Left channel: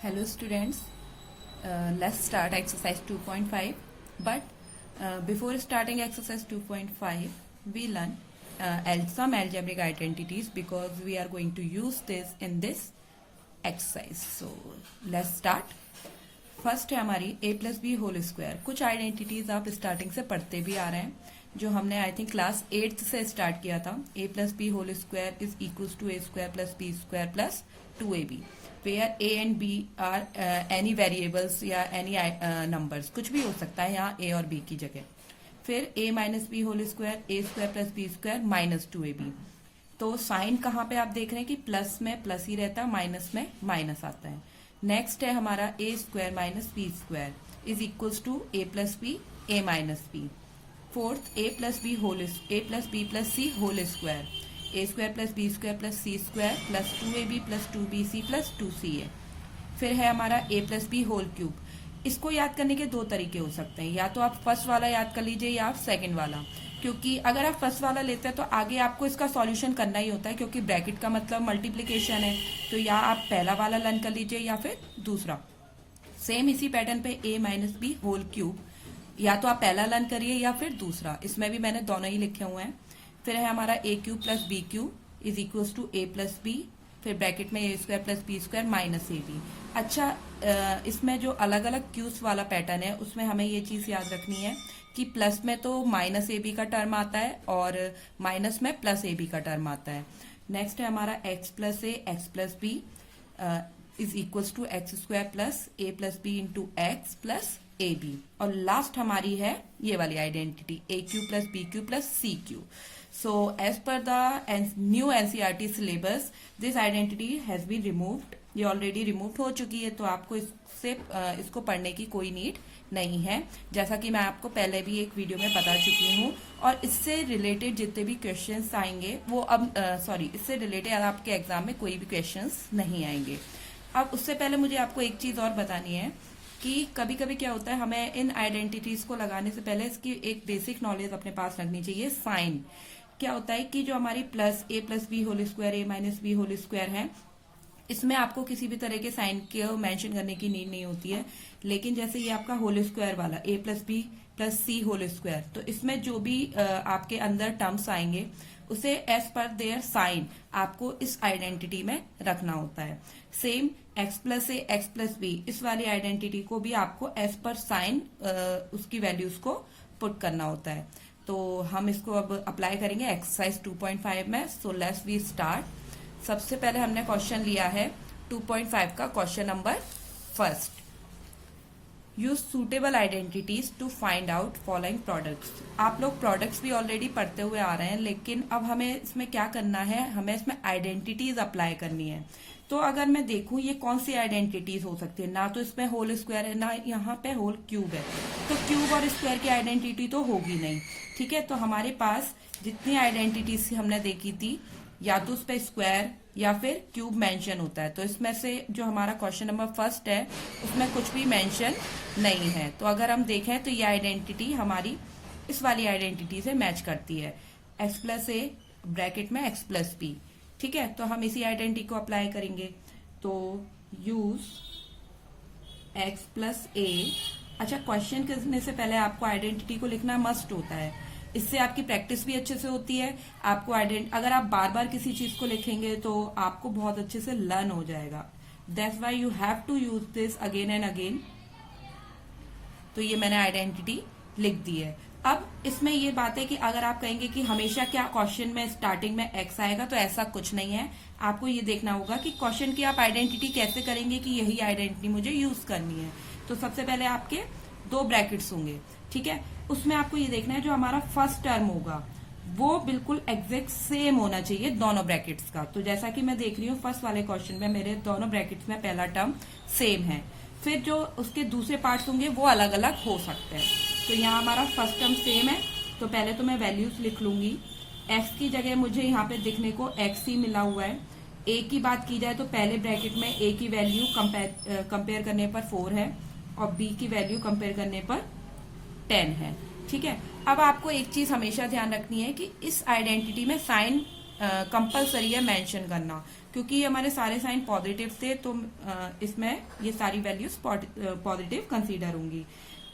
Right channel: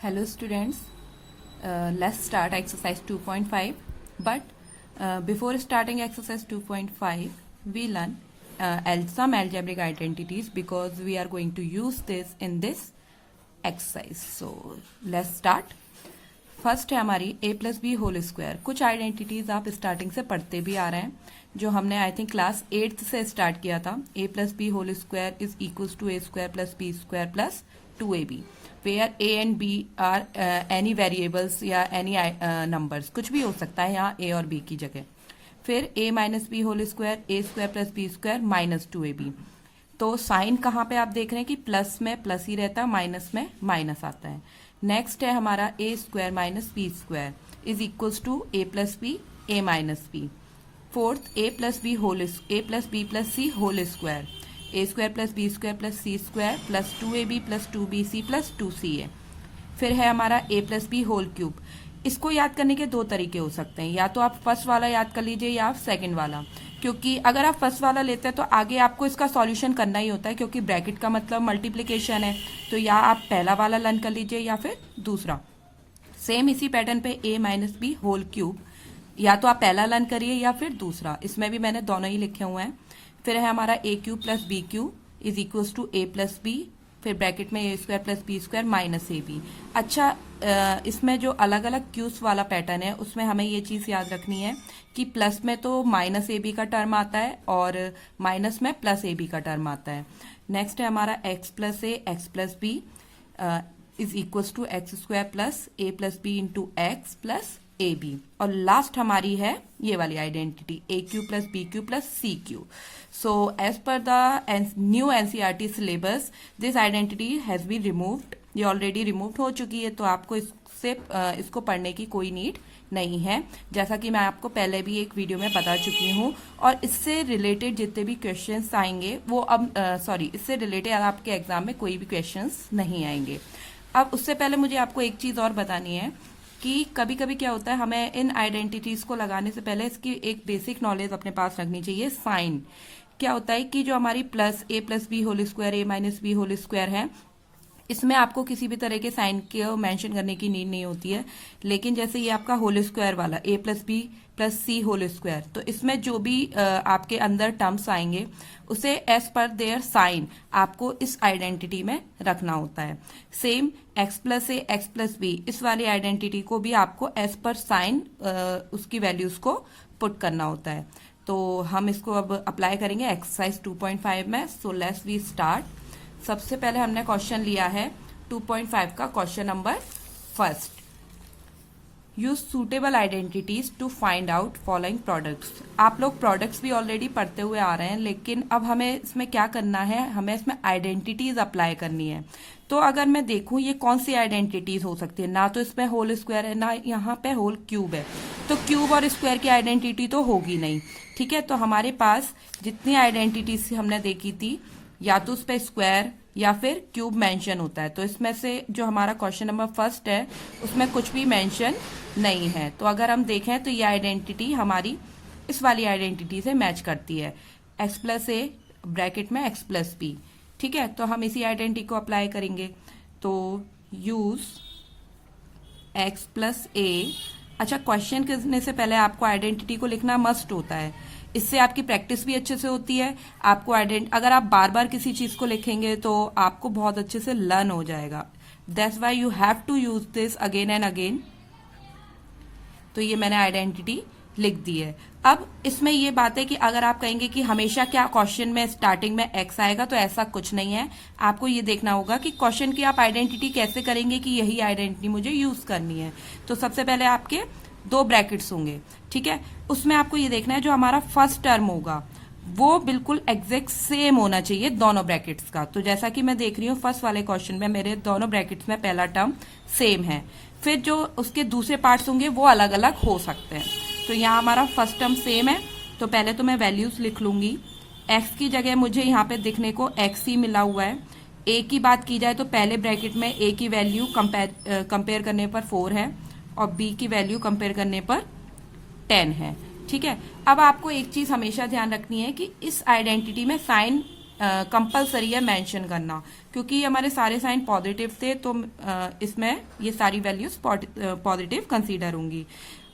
Hello students, let's start exercise 2.5. But before starting exercise 2.5, we learn some algebraic identities because we are going to use this in this exercise. So let's start. First है हमारी a plus b whole square. कुछ identities आप starting से पढ़ते भी आ रहे हैं, जो हमने आई थिंक क्लास 8th से स्टार्ट किया था. a plus b whole square is equals to a square plus b square plus 2ab, where a and b are any variables या एनी नंबर्स, कुछ भी हो सकता है यहाँ a और b की जगह. फिर a minus b whole square a square plus b square minus 2ab. तो साइन कहाँ पे आप देख रहे हैं कि प्लस में प्लस ही रहता है, माइनस में माइनस आता है. नेक्स्ट है हमारा a square minus b square is equals to a plus b a minus b. Fourth a plus b plus c whole square, a square plus b square plus c square plus 2ab plus 2bc plus 2ca. फिर है हमारा a plus b whole cube. इसको याद करने के दो तरीके हो सकते हैं, या तो आप फर्स्ट वाला याद कर लीजिए या आप सेकंड वाला, क्योंकि अगर आप फर्स्ट वाला लेते हैं तो आगे आपको इसका सॉल्यूशन करना ही होता है, क्योंकि ब्रैकेट का मतलब मल्टीप्लिकेशन है. तो या आप पहला वाला लर्न कर लीजिए या फिर दूसरा. सेम इसी पैटर्न पे a minus b whole cube, या तो आप पहला लर्न करिए या फिर दूसरा. इसमें भी मैंने दोनों ही लिखे हुए हैं. फिर है हमारा a cube plus b cube is equals to a plus b, फिर ब्रैकेट में a square plus b square minus ab. अच्छा, इसमें जो अलग अलग क्यूब्स वाला पैटर्न है उसमें हमें ये चीज याद रखनी है कि प्लस में तो माइनस ab का टर्म आता है और माइनस में प्लस ab का टर्म आता है. नेक्स्ट है हमारा x plus a x plus b is equals to x square plus a plus b into x plus a b. और लास्ट हमारी है ये वाली identity a cube plus b cube plus c cube. So as per the new NCERT syllabus this identity has been removed. ये already remove हो चुकी है, तो आपको इसको पढ़ने की कोई नीड नहीं है, जैसा कि मैं आपको पहले भी एक वीडियो में बता चुकी हूँ. और इससे रिलेटेड जितने भी क्वेश्चंस आएंगे वो अब इससे रिलेटेड आपके एग्जाम में कोई भी क्वेश्चंस नहीं आएंगे. अब उससे पहले मुझे आपको एक चीज और बतानी है कि कभी कभी क्या होता है, हमें इन आइडेंटिटीज को लगाने से पहले इसकी एक बेसिक नॉलेज अपने पास रखनी चाहिए. साइन क्या होता है कि जो हमारी प्लस बी होल स्क्वायर ए माइनस बी होल स्क्वायर है, इसमें आपको किसी भी तरह के साइन को मेंशन करने की नीड नहीं होती है. लेकिन जैसे ये आपका होल स्क्वायर वाला ए plus b plus c whole square, तो इसमें जो भी आपके अंदर टर्म्स आएंगे उसे एज पर देयर साइन आपको इस आइडेंटिटी में रखना होता है. Same x plus a x plus B, इस वाली आइडेंटिटी को भी आपको एज पर साइन उसकी वैल्यूज को पुट करना होता है. तो हम इसको अब अप्लाई करेंगे एक्सरसाइज 2.5 में. So let's we start. सबसे पहले हमने क्वेश्चन लिया है 2.5 का question number first. Use suitable identities to find out following products. आप लोग प्रोडक्ट्स भी ऑलरेडी पढ़ते हुए आ रहे हैं, लेकिन अब हमें इसमें क्या करना है, हमें इसमें आइडेंटिटीज अप्लाई करनी है. तो अगर मैं देखूं ये कौन सी आइडेंटिटीज हो सकती है, ना तो इसमें होल स्क्वायर है ना यहाँ पे होल क्यूब है, तो क्यूब और स्क्वायर की आइडेंटिटी तो होगी नहीं. ठीक है, तो हमारे पास जितनी आइडेंटिटीज हमने देखी थी, या तो उस पर स्क्वायर या फिर क्यूब मेंशन होता है. तो इसमें से जो हमारा क्वेश्चन नंबर फर्स्ट है उसमें कुछ भी मेंशन नहीं है. तो अगर हम देखें तो ये आइडेंटिटी हमारी इस वाली आइडेंटिटी से मैच करती है, एक्स प्लस ए ब्रैकेट में एक्स प्लस बी. ठीक है, तो हम इसी आइडेंटिटी को अप्लाई करेंगे. तो यूज एक्स प्लस ए. अच्छा, क्वेश्चन करने से पहले आपको आइडेंटिटी को लिखना मस्ट होता है, इससे आपकी प्रैक्टिस भी अच्छे से होती है. आपको अगर आप बार बार किसी चीज को लिखेंगे तो आपको बहुत अच्छे से लर्न हो जाएगा. That's why you have to use this again and again. तो ये मैंने आइडेंटिटी लिख दी है. अब इसमें ये बात है कि अगर आप कहेंगे कि हमेशा क्या क्वेश्चन में स्टार्टिंग में एक्स आएगा, तो ऐसा कुछ नहीं है. आपको ये देखना होगा कि क्वेश्चन की आप आइडेंटिटी कैसे करेंगे कि यही आइडेंटिटी मुझे यूज करनी है. तो सबसे पहले आपके दो ब्रैकेट्स होंगे. ठीक है, उसमें आपको ये देखना है जो हमारा फर्स्ट टर्म होगा वो बिल्कुल एग्जैक्ट सेम होना चाहिए दोनों ब्रैकेट्स का. तो जैसा कि मैं देख रही हूँ फर्स्ट वाले क्वेश्चन में मेरे दोनों ब्रैकेट्स में पहला टर्म सेम है. फिर जो उसके दूसरे पार्ट्स होंगे वो अलग अलग हो सकते हैं. तो यहाँ हमारा फर्स्ट टर्म सेम है, तो पहले तो मैं वैल्यूज लिख लूंगी. एक्स की जगह मुझे यहाँ पे दिखने को एक्स ही मिला हुआ है. ए की बात की जाए तो पहले ब्रैकेट में ए की वैल्यू कंपेयर करने पर 4 है और बी की वैल्यू कंपेयर करने पर 10 है. ठीक है, अब आपको एक चीज हमेशा ध्यान रखनी है कि इस आइडेंटिटी में साइन कंपलसरी है मेंशन करना, क्योंकि हमारे सारे साइन पॉजिटिव थे तो इसमें ये सारी वैल्यूज पॉजिटिव कंसीडर होंगी।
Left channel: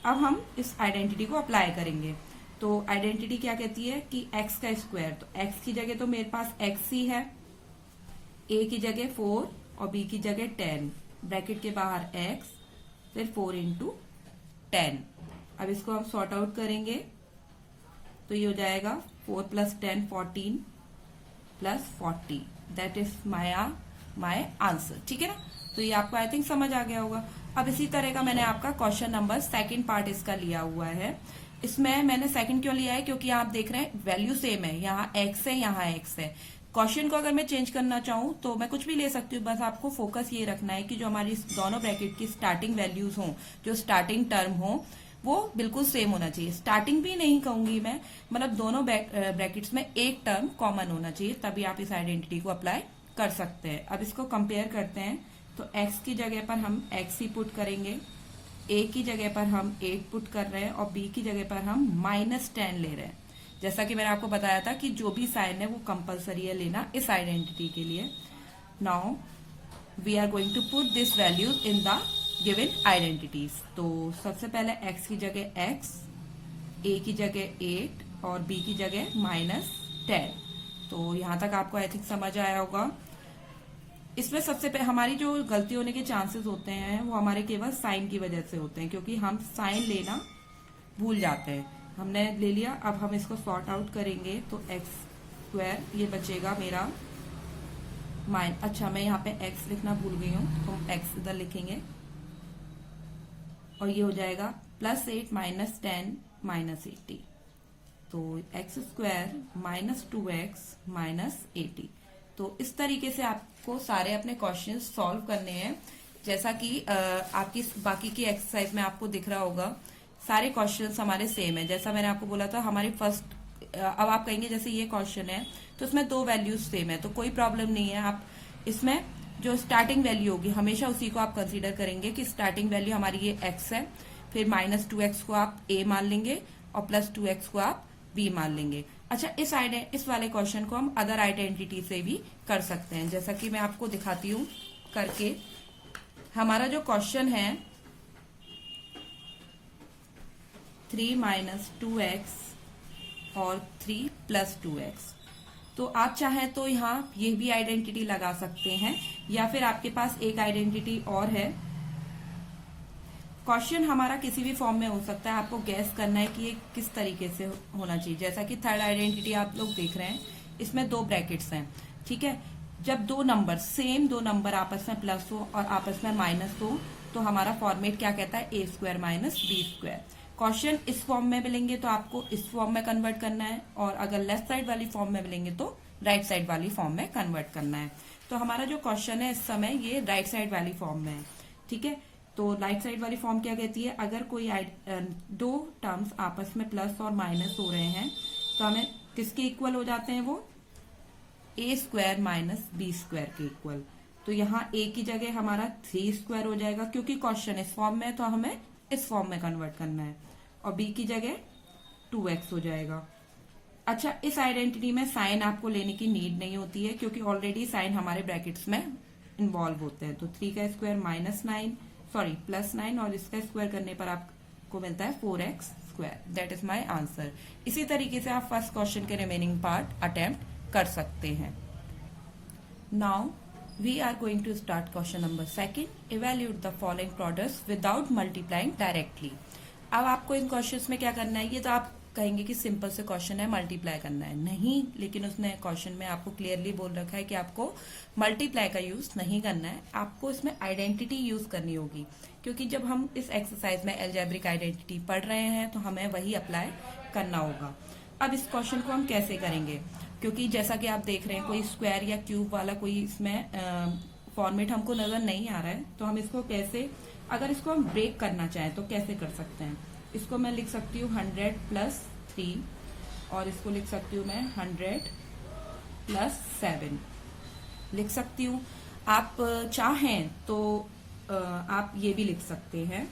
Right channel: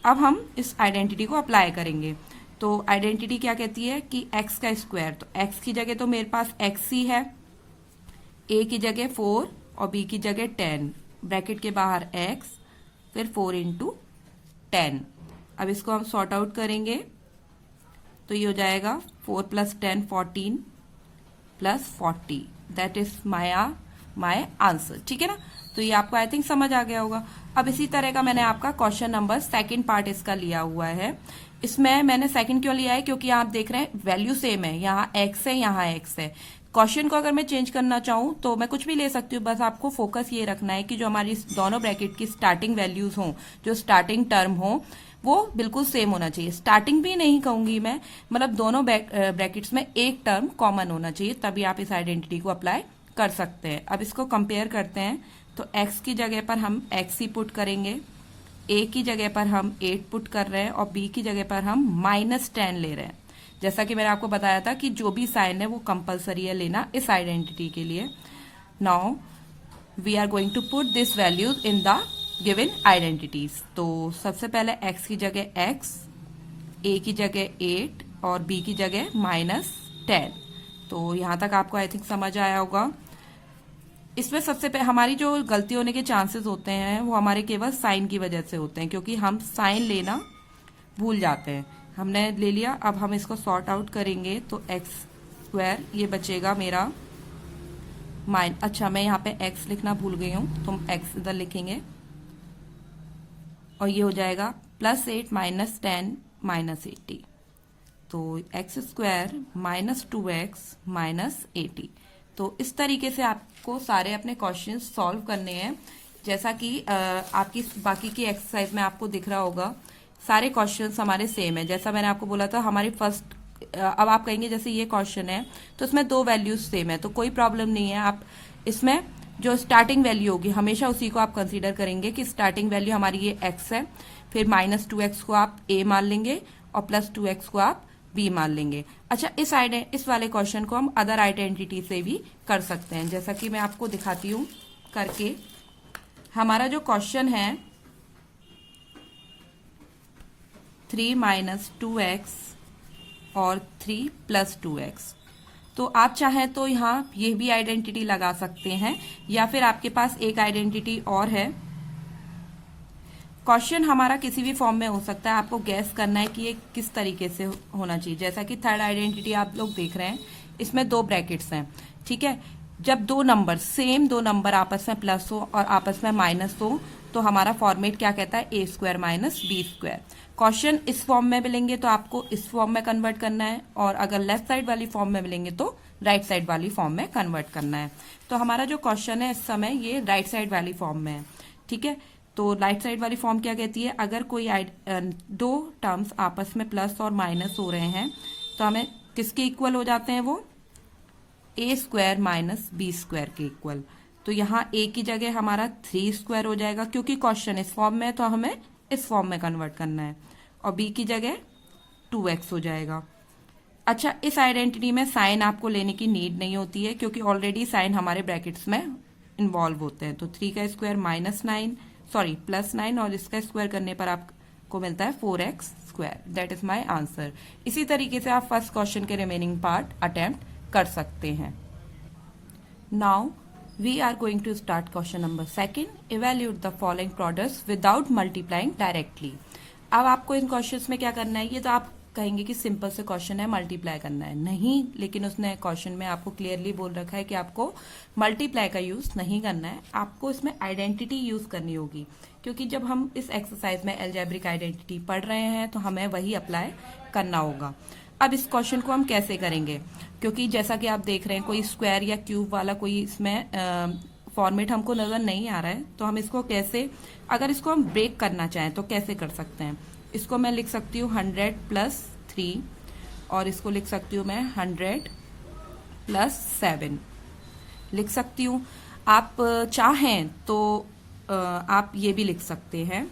अब हम इस आइडेंटिटी को अप्लाई करेंगे। तो आइडेंटिटी क्या कहती है कि x का स्क्वायर, तो x की जगह तो मेरे पास x ही है, a की जगह 4 और b की जगह 10, ब्रैकेट के बाहर x, फिर 4 इंटू 10। अब इसको हम सॉर्ट आउट करेंगे तो ये हो जाएगा 4 + 10 14 + 40, दैट इज माय आंसर। ठीक है ना, तो ये आपको आई थिंक समझ आ गया होगा। अब इसी तरह का मैंने आपका क्वेश्चन नंबर सेकंड पार्ट इसका लिया हुआ है। इसमें मैंने सेकंड क्यों लिया है, क्योंकि आप देख रहे हैं वैल्यू सेम है, यहाँ x है यहाँ x है। क्वेश्चन को अगर मैं चेंज करना चाहूं तो मैं कुछ भी ले सकती हूँ, बस आपको फोकस ये रखना है कि जो हमारी दोनों ब्रैकेट की स्टार्टिंग वैल्यूज हों, जो स्टार्टिंग टर्म हो, वो बिल्कुल सेम होना चाहिए। स्टार्टिंग भी नहीं कहूंगी मैं, मतलब दोनों ब्रैकेट्स में एक टर्म कॉमन होना चाहिए, तभी आप इस आइडेंटिटी को अप्लाई कर सकते हैं। अब इसको कंपेयर करते हैं, तो x की जगह पर हम x ही पुट करेंगे, a की जगह पर हम 8 पुट कर रहे हैं और b की जगह पर हम -10 ले रहे हैं। जैसा कि मैंने आपको बताया था कि जो भी साइन है वो कंपलसरी है लेना इस आइडेंटिटी के लिए। Now we are going to put this values in the given identities. तो सबसे पहले x की जगह x, a की जगह 8 और b की जगह -10। तो यहां तक आपको आई थिंक समझ आया होगा। इसमें सबसे पहले हमारी जो गलती होने के चांसेस होते हैं वो हमारे केवल साइन की वजह से होते हैं, क्योंकि हम साइन लेना भूल जाते हैं। हमने ले लिया, अब हम इसको सॉर्ट आउट करेंगे तो x² ये बचेगा मेरा अच्छा मैं यहाँ पे x लिखना भूल गई हूँ, तो हम x इधर लिखेंगे और ये हो जाएगा +8 -10 -80, तो x² -2x -80। तो इस तरीके से आपको सारे अपने क्वेश्चन सॉल्व करने हैं। जैसा कि आपकी बाकी की एक्सरसाइज में आपको दिख रहा होगा, सारे क्वेश्चंस हमारे सेम है। जैसा मैंने आपको बोला था हमारी फर्स्ट, अब आप कहेंगे जैसे ये क्वेश्चन है तो इसमें 2 वैल्यूज सेम है, तो कोई प्रॉब्लम नहीं है। आप इसमें जो स्टार्टिंग वैल्यू होगी हमेशा उसी को आप कंसीडर करेंगे कि स्टार्टिंग वैल्यू हमारी ये x है, फिर -2x को आप a मान लेंगे और +2x को आप b मान लेंगे। अच्छा, इस वाले क्वेश्चन को हम अदर आइडेंटिटी से भी कर सकते हैं, जैसा कि मैं आपको दिखाती हूँ करके। हमारा जो क्वेश्चन है 3 - 2x और 3 + 2x, तो आप चाहें तो यहाँ ये भी आइडेंटिटी लगा सकते हैं, या फिर आपके पास एक आइडेंटिटी और है। क्वेश्चन हमारा किसी भी फॉर्म में हो सकता है, आपको गैस करना है कि ये किस तरीके से होना चाहिए। जैसा कि थर्ड आइडेंटिटी आप लोग देख रहे हैं, इसमें 2 ब्रैकेट्स हैं, ठीक है। जब 2 नंबर सेम 2 नंबर आपस में प्लस हो और आपस में माइनस हो तो हमारा फॉर्मेट क्या कहता है, a² - b²। क्वेश्चन इस फॉर्म में मिलेंगे तो आपको इस फॉर्म में कन्वर्ट करना है, और अगर लेफ्ट साइड वाली फॉर्म में मिलेंगे तो राइट साइड वाली फॉर्म में कन्वर्ट करना है। तो हमारा जो क्वेश्चन है इस समय ये राइट साइड वाली फॉर्म में है, ठीक है। तो राइट साइड वाली फॉर्म क्या कहती है, अगर कोई 2 टर्म्स आपस में प्लस और माइनस हो रहे हैं तो हमें किसके इक्वल हो जाते हैं, वो a² - b² के इक्वल। तो यहाँ a की जगह हमारा 3² हो जाएगा, क्योंकि क्वेश्चन इस फॉर्म में है तो हमें इस फॉर्म में कन्वर्ट करना है, और b की जगह 2x हो जाएगा। अच्छा, इस आइडेंटिटी में साइन आपको लेने की नीड नहीं होती है, क्योंकि ऑलरेडी साइन हमारे ब्रैकेट्स में इन्वॉल्व होते हैं। तो 3 का स्क्वायर +9 और इसका स्क्वायर करने पर आपको मिलता है 4x²। That is my answer. इसी तरीके से आप फर्स्ट क्वेश्चन के रिमेनिंग पार्ट अटेम्प्ट कर सकते हैं। Now we are going to start question number 2। Evaluate the following products without multiplying directly. अब आपको इन क्वेश्चंस में क्या करना है, ये तो आप कहेंगे कि सिंपल से क्वेश्चन है, मल्टीप्लाई करना है, नहीं, लेकिन उसने क्वेश्चन में आपको क्लियरली बोल रखा है कि आपको मल्टीप्लाई का यूज नहीं करना है, आपको इसमें आइडेंटिटी यूज करनी होगी, क्योंकि जब हम इस एक्सरसाइज में अलजेब्रिक आइडेंटिटी पढ़ रहे हैं तो हमें वही अप्लाई करना होगा। अब इस क्वेश्चन को हम कैसे करेंगे, क्योंकि जैसा कि आप देख रहे हैं कोई स्क्वायर या क्यूब वाला कोई इसमें फॉर्मेट हमको नजर नहीं आ रहा है, तो हम इसको कैसे, अगर इसको हम ब्रेक करना चाहें तो कैसे कर सकते हैं। इसको मैं लिख सकती हूँ 100 + 3 और इसको लिख सकती हूँ मैं 100 + 7 लिख सकती हूँ। आप चाहें तो आप ये भी लिख सकते हैं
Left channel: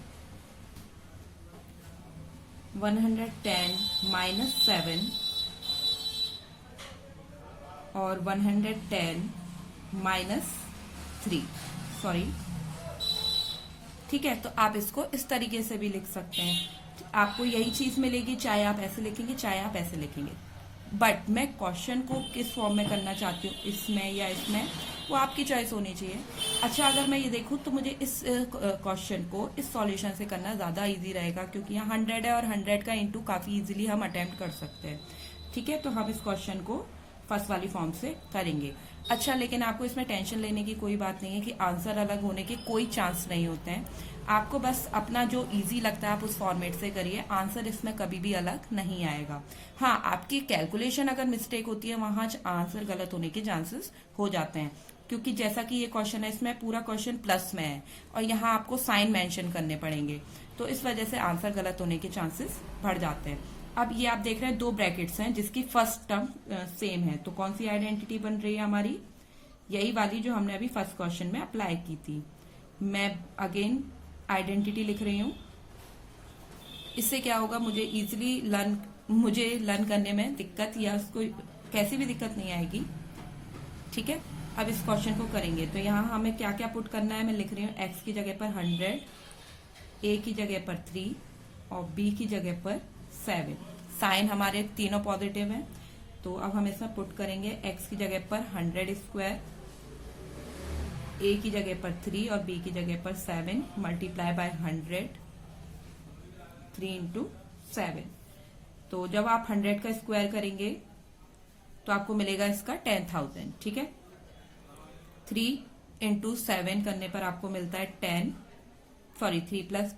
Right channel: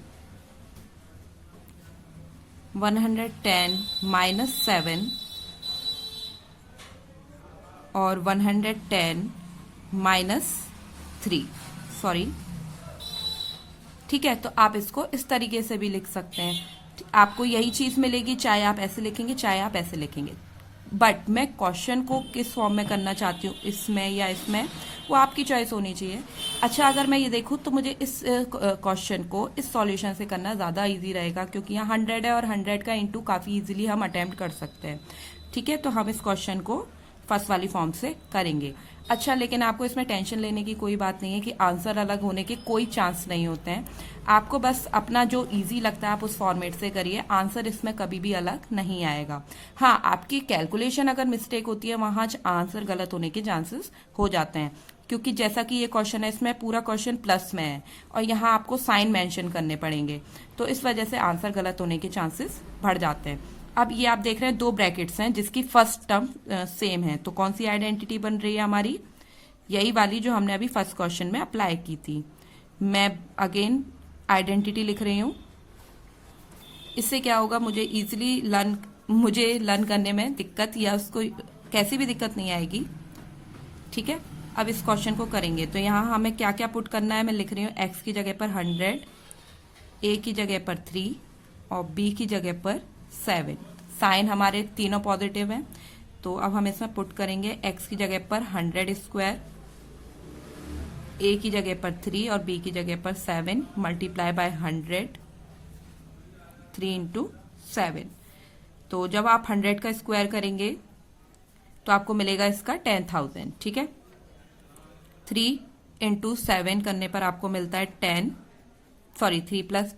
110 - 7 और 110 माइनस 3, सॉरी, ठीक है। तो आप इसको इस तरीके से भी लिख सकते हैं। आपको यही चीज मिलेगी चाहे आप ऐसे लिखेंगे चाहे आप ऐसे लिखेंगे, बट मैं क्वेश्चन को किस फॉर्म में करना चाहती हूँ, इसमें या इसमें, वो आपकी चॉइस होनी चाहिए। अच्छा, अगर मैं ये देखूँ तो मुझे इस क्वेश्चन को इस सॉल्यूशन से करना ज़्यादा इजी रहेगा, क्योंकि यहाँ 100 है और 100 का इंटू काफ़ी इजीली हम अटेम्प्ट कर सकते हैं। ठीक है, तो हम इस क्वेश्चन को फर्स्ट वाली फॉर्म से करेंगे। अच्छा, लेकिन आपको इसमें टेंशन लेने की कोई बात नहीं है कि आंसर अलग होने के कोई चांस नहीं होते हैं। आपको बस अपना जो इजी लगता है आप उस फॉर्मेट से करिए, आंसर इसमें कभी भी अलग नहीं आएगा। हाँ, आपकी कैलकुलेशन अगर मिस्टेक होती है वहां आंसर गलत होने के चांसेस हो जाते हैं, क्योंकि जैसा कि ये क्वेश्चन है इसमें पूरा क्वेश्चन प्लस में है और यहाँ आपको साइन मेंशन करने पड़ेंगे, तो इस वजह से आंसर गलत होने के चांसेस बढ़ जाते हैं। अब ये आप देख रहे हैं 2 ब्रैकेट्स हैं जिसकी फर्स्ट टर्म सेम है, तो कौन सी आइडेंटिटी बन रही है हमारी, यही वाली जो हमने अभी फर्स्ट क्वेश्चन में अप्लाई की थी। मैं अगेन आइडेंटिटी लिख रही हूँ। इससे क्या होगा, मुझे लर्न करने में दिक्कत या उसको कैसी भी दिक्कत नहीं आएगी। ठीक है, अब इस क्वेश्चन को करेंगे तो यहाँ हमें क्या क्या पुट करना है, मैं लिख रही हूँ x की जगह पर 100, a की जगह पर 3 और b की जगह पर 7। साइन हमारे तीनों पॉजिटिव हैं, तो अब हम इसमें पुट करेंगे x की जगह पर 100 स्क्वायर, a की जगह पर 3 और b की जगह पर 7 मल्टीप्लाई बाय 100, 3 इंटू 7। तो जब आप 100 का स्क्वायर करेंगे तो आपको मिलेगा इसका 10,000। ठीक है, 3 इंटू 7 करने पर आपको मिलता है 3 प्लस